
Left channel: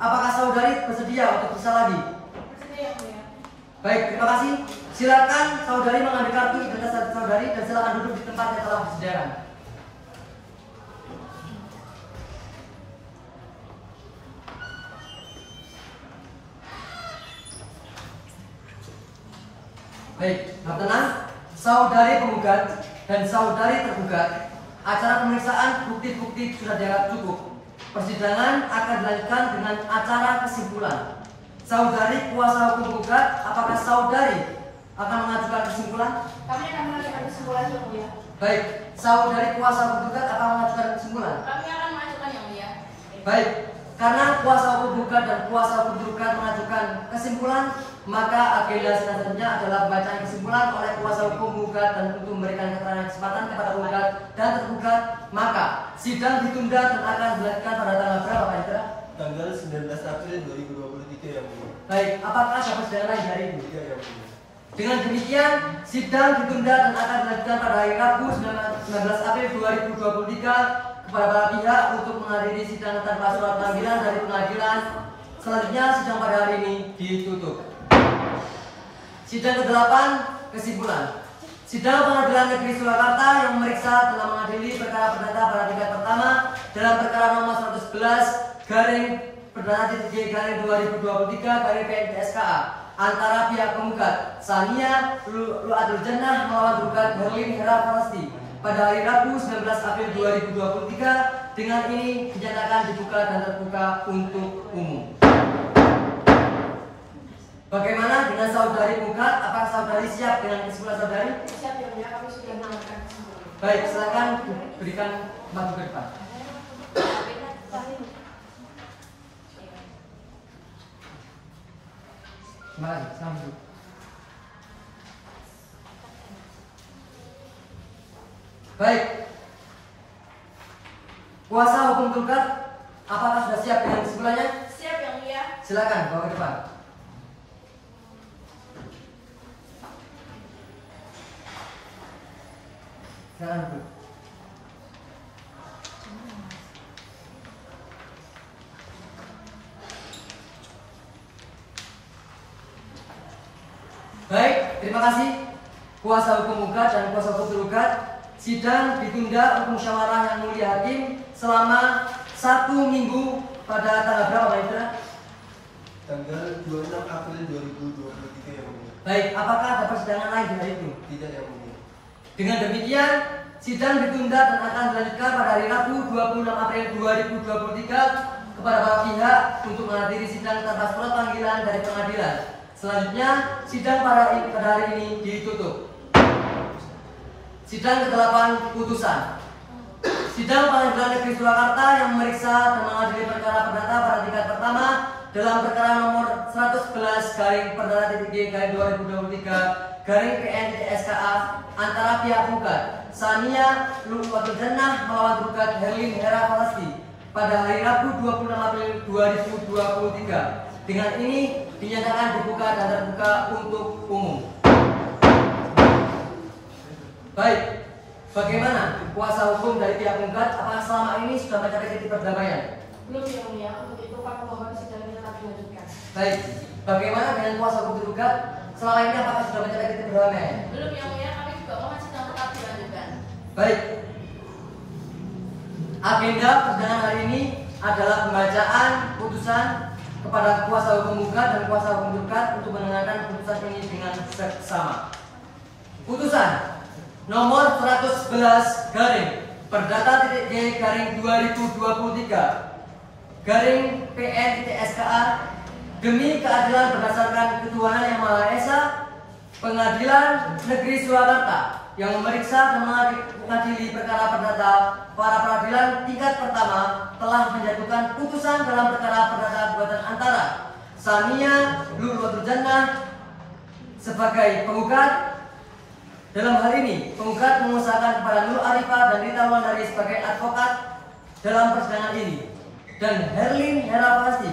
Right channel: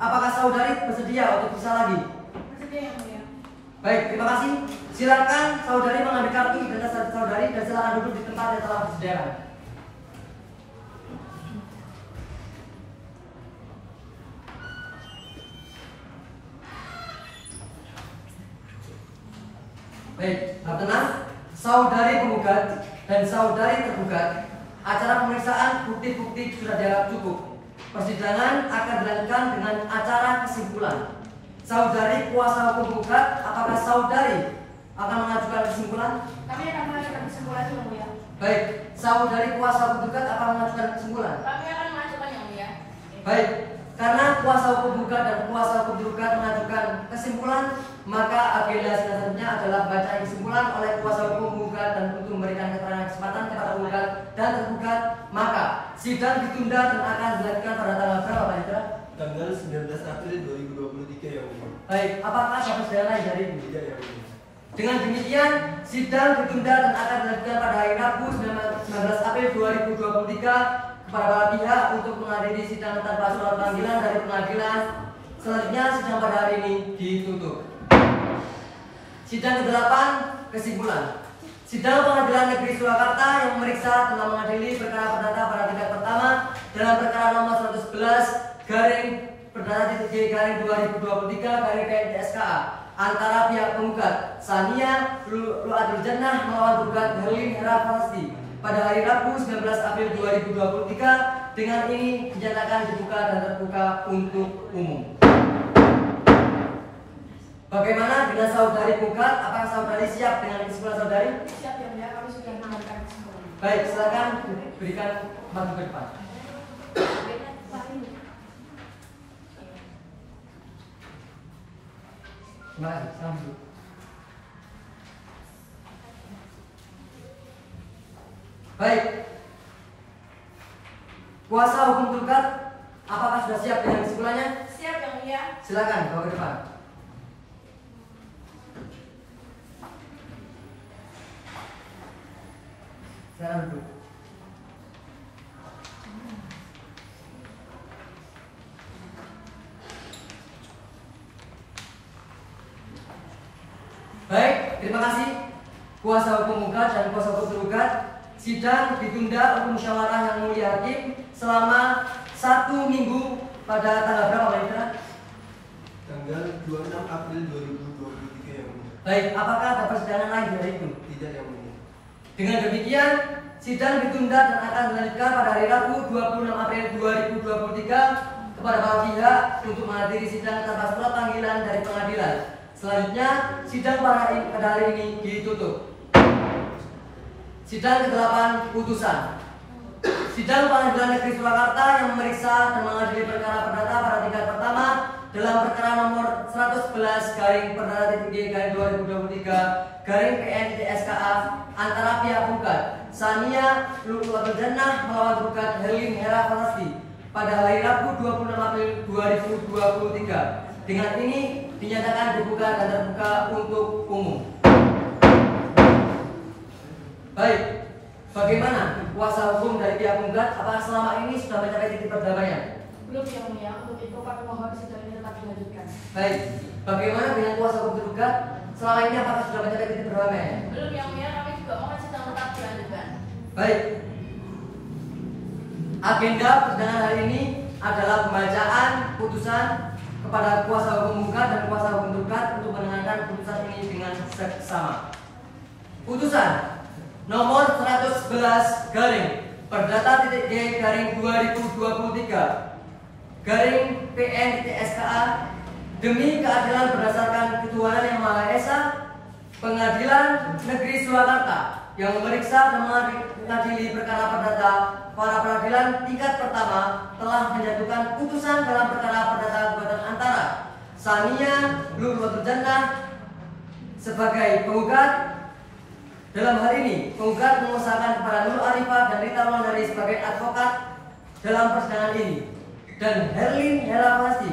apakah saudari bersedia untuk bisa lagi? Bersedia yang mulia. Baik, terima kasih. Silakan saudari mengambil kartu identitas saudari dan silakan duduk di tempat yang telah disediakan. Baik, tenang. Saudari penggugat dan saudari tergugat, acara pemeriksaan bukti-bukti sudah dianggap cukup. Persidangan akan dilanjutkan dengan acara kesimpulan. Saudari kuasa hukum penggugat, apakah saudari akan mengajukan kesimpulan? Kami akan mengajukan kesimpulan yang mulia. Baik, saudari kuasa hukum penggugat akan mengajukan kesimpulan. Kami akan mengajukan yang mulia. Baik, karena kuasa hukum penggugat dan kuasa hukum tergugat mengajukan kesimpulan, maka agenda selanjutnya adalah pembacaan kesimpulan oleh kuasa hukum penggugat dan untuk memberikan keterangan kesempatan kepada penggugat dan tergugat. Maka sidang ditunda dan akan dilanjutkan pada tanggal berapa Pak Indra? Tanggal 19 April 2023 yang mulia. Baik, apakah ada persidangan lain dari itu? Tidak yang mulia. Dengan demikian, sidang ditunda dan akan dilanjutkan pada hari Rabu 19 April 2023 kepada para pihak untuk menghadiri sidang tanpa surat panggilan dari pengadilan. Selanjutnya, sidang pada hari ini ditutup. Sidang ke-8, kesimpulan. Sidang Pengadilan Negeri Surakarta yang memeriksa telah mengadili perkara perdata pada tingkat pertama dalam perkara nomor 111/G/2023/PNTSKA antara pihak penggugat Sania Lu'atul Jannah melawan tergugat Herlin Hera Pasti pada hari Rabu 19 April 2023 dengan ini dinyatakan dibuka dan terbuka untuk umum. Bagaimana dengan saudari penggugat? Apakah saudari siap dengan kesimpulan saudari? Siap ya mulia, kami sudah mendengarkan kesimpulan. Baik, silakan berikan maju ke depan. Terima kasih. Sambut. Baik. Kuasa hukum tergugat, apakah sudah siap dengan kesimpulannya? Siap yang mulia. Silakan bawa ke depan. Silakan Bu. Baik, terima kasih kuasa hukum penggugat dan kuasa hukum tergugat. Sidang ditunda untuk musyawarah yang mulia hakim selama 1 minggu pada tanggal berapa Pak Indra? Tanggal 26 April 2023 yang mulia. Baik, apakah ada persidangan lain di hari itu? Tidak yang mulia. Dengan demikian, sidang ditunda dan akan dilanjutkan pada hari Rabu 26 April 2023 kepada para pihak untuk menghadiri sidang tanpa surat panggilan dari pengadilan. Selanjutnya, sidang pada hari ini ditutup. Sidang ke-8, putusan. Sidang Pengadilan Negeri Surakarta yang memeriksa dan mengadili perkara perdata pada tingkat pertama dalam perkara nomor 111/G/2023/PNTSKA antara pihak penggugat Sania Lu'atul Jannah melawan tergugat Herlin Hera Pasti pada hari Rabu 26 April 2023. Dengan ini dinyatakan dibuka dan terbuka untuk umum. Baik, bagaimana kuasa hukum dari pihak penggugat? Apakah selama ini sudah mencapai titik perdamaian? Belum yang mulia, untuk itu para pemohon sidang ini tetap dilanjutkan. Baik, bagaimana dengan kuasa hukum tergugat? Selama ini apakah sudah mencapai titik perdamaian? Belum yang mulia, kami juga mohon sidang tetap dilanjutkan. Baik. Agenda persidangan hari ini adalah pembacaan putusan kepada kuasa hukum penggugat dan kuasa hukum tergugat untuk mendengarkan putusan ini dengan seksama. Putusan nomor 111/G/2023/PNTSKA demi keadilan berdasarkan ketuhanan yang Maha Esa, Pengadilan Negeri Surakarta yang memeriksa dan mengadili perkara perdata para peradilan tingkat pertama telah menjatuhkan putusan dalam perkara perdata gugatan antara Sania Lu'atul Jannah sebagai penggugat. Dalam hal ini, penggugat mengusahakan kepada Nur Arifah dan Rita Wulandari sebagai advokat dalam persidangan ini, dan Herlin Hera Pasti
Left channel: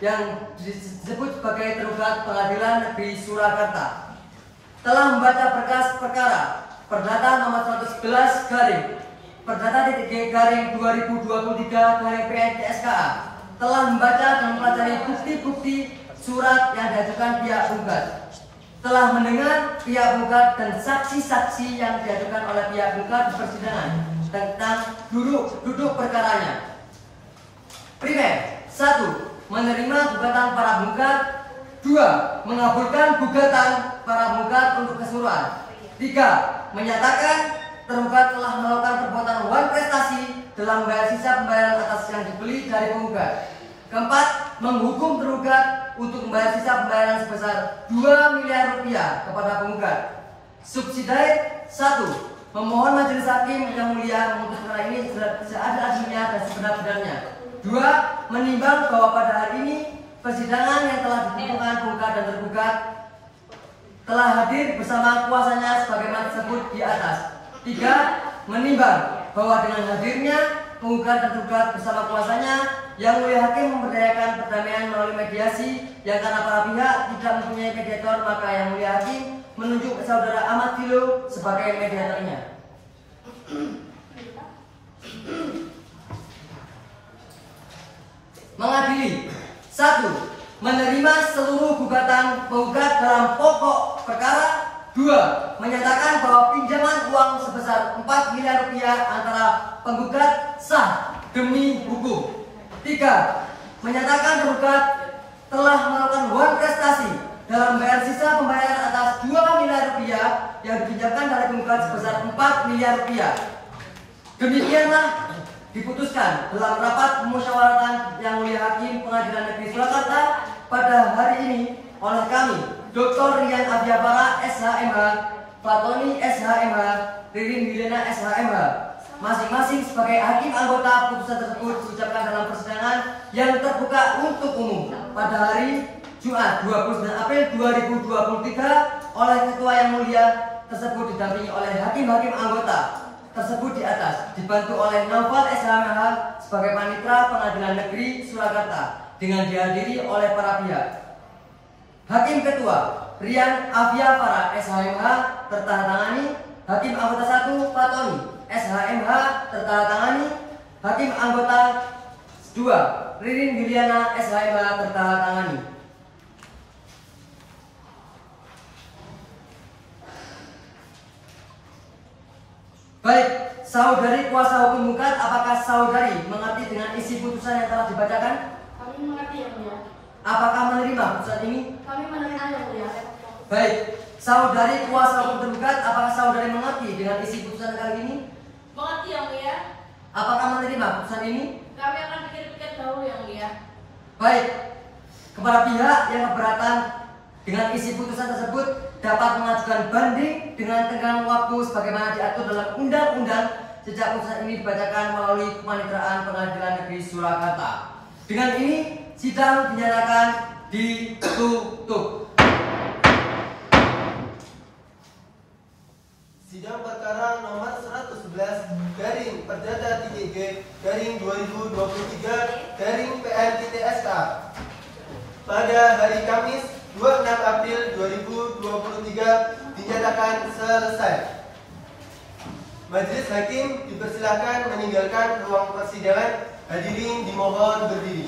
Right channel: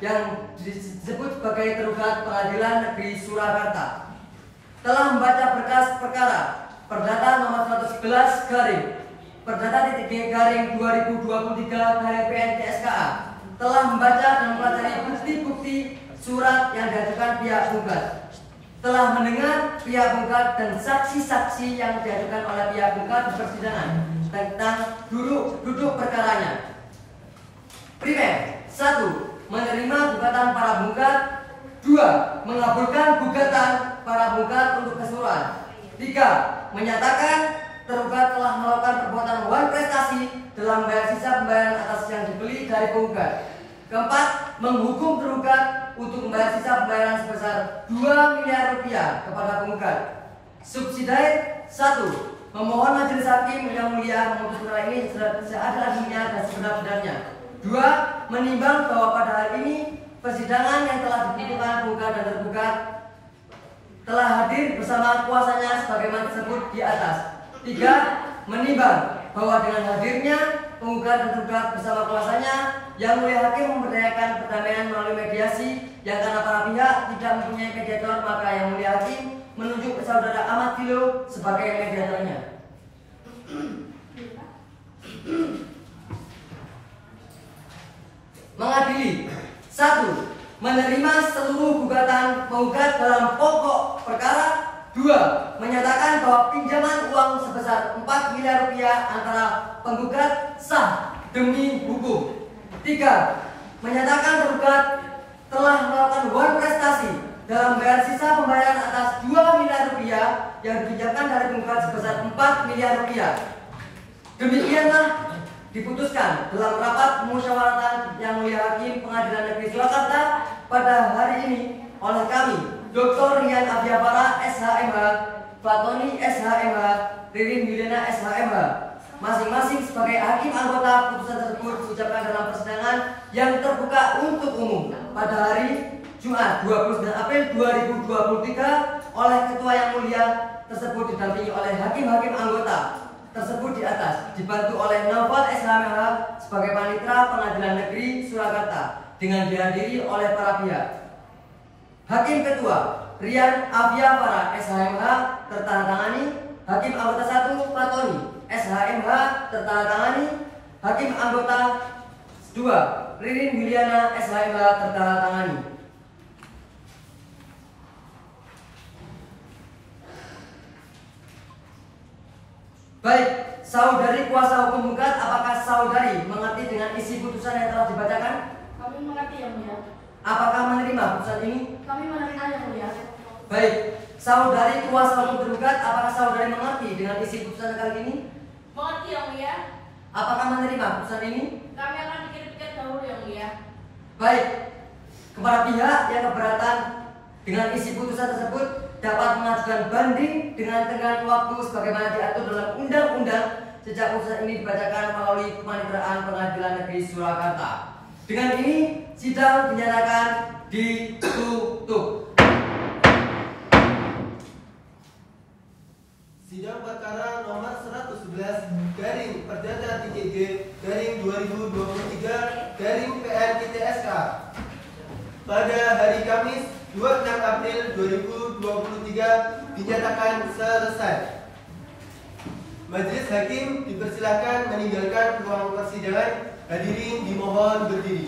yang disebut sebagai tergugat Pengadilan Negeri Surakarta telah membaca berkas perkara perdata nomor 111/Perdata-G/2023/PNTSKA telah membaca dan mempelajari bukti-bukti surat yang diajukan pihak penggugat, telah mendengar pihak penggugat dan saksi-saksi yang diajukan oleh pihak penggugat di persidangan tentang duduk perkaranya. Primer, 1. Menerima gugatan para penggugat. 2. Mengabulkan gugatan para penggugat untuk keseluruhan. 3. Menyatakan tergugat telah melakukan perbuatan wan prestasi dalam membayar sisa pembayaran atas yang dibeli dari penggugat. 4. Menghukum tergugat untuk membayar sisa pembayaran sebesar 2 miliar rupiah kepada penggugat. Subsidiary 1. Memohon majelis hakim yang mulia memutus perkara ini seadil-adilnya dan sebenar-benarnya. 2. Menimbang bahwa pada hari ini persidangan yang telah ditentukan penggugat dan tergugat telah hadir bersama kuasanya sebagaimana disebut di atas. 3. Menimbang bahwa dengan hadirnya penggugat dan tergugat bersama kuasanya. Yang Mulia Hakim memberdayakan perdamaian melalui mediasi yang karena para pihak tidak mempunyai mediator, maka Yang Mulia Hakim menunjuk Saudara Ahmad Filo sebagai mediatornya. Mengadili 1. Menerima seluruh gugatan penggugat dalam pokok perkara. 2. Menyatakan bahwa pinjaman uang sebesar 4 miliar rupiah antara penggugat sah demi hukum. 3. Menyatakan tergugat telah melakukan wan prestasi dalam bayar sisa pembayaran atas 2 miliar rupiah yang dipinjamkan dari penggugat sebesar 4 miliar rupiah. Demikianlah diputuskan dalam rapat pemusyawaratan Yang Mulia Hakim Pengadilan Negeri Surakarta pada hari ini oleh kami, Dr. Rian Abiabara SHMH, Fatoni SHMH, Ririn Milena SHMH, masing-masing sebagai hakim anggota. Putusan tersebut diucapkan dalam persidangan yang terbuka untuk umum pada hari Jumat 29 April 2023 oleh Ketua Yang Mulia tersebut didampingi oleh hakim-hakim anggota tersebut di atas, dibantu oleh Naufal SHMH sebagai panitera Pengadilan Negeri Surakarta dengan dihadiri oleh para pihak. Hakim Ketua Rian Abiabara SHMH tertandatangani. Hakim anggota 1 Fatoni SHMH tertandatangani. Hakim anggota 2 Ririn Miliana SHMH tertandatangani. Baik, saudari kuasa hukum penggugat, apakah saudari mengerti dengan isi putusan yang telah dibacakan? Kami mengerti, Yang Mulia. Apakah menerima putusan ini? Kami menerima, Yang Mulia. Baik, saudari kuasa hukum tergugat, apakah saudari mengerti dengan isi putusan kali ini? Mengerti, Yang Mulia. Apakah menerima putusan ini? Kami akan pikir-pikir dahulu, Yang Mulia. Baik, kepada pihak yang keberatan dengan isi putusan tersebut dapat mengajukan banding dengan tenggang waktu sebagaimana diatur dalam undang-undang sejak putusan ini dibacakan melalui Paniteraan Pengadilan Negeri Surakarta. Dengan ini sidang dinyatakan ditutup. Sidang perkara nomor 111 garing Perdata 3G garing 2023 garing PN-SK pada hari Kamis 26 April 2023 dinyatakan selesai. Majelis Hakim dipersilakan meninggalkan ruang persidangan. Hadirin dimohon berdiri.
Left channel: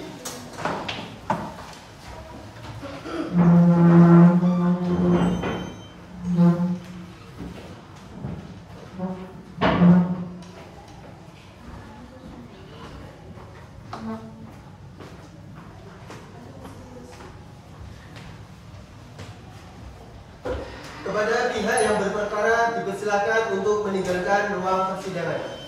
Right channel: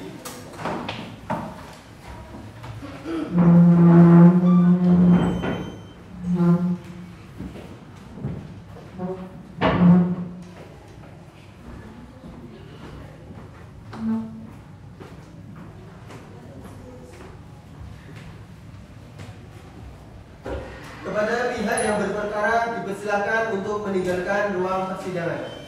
Kepada pihak yang berperkara dipersilakan untuk meninggalkan ruang persidangan.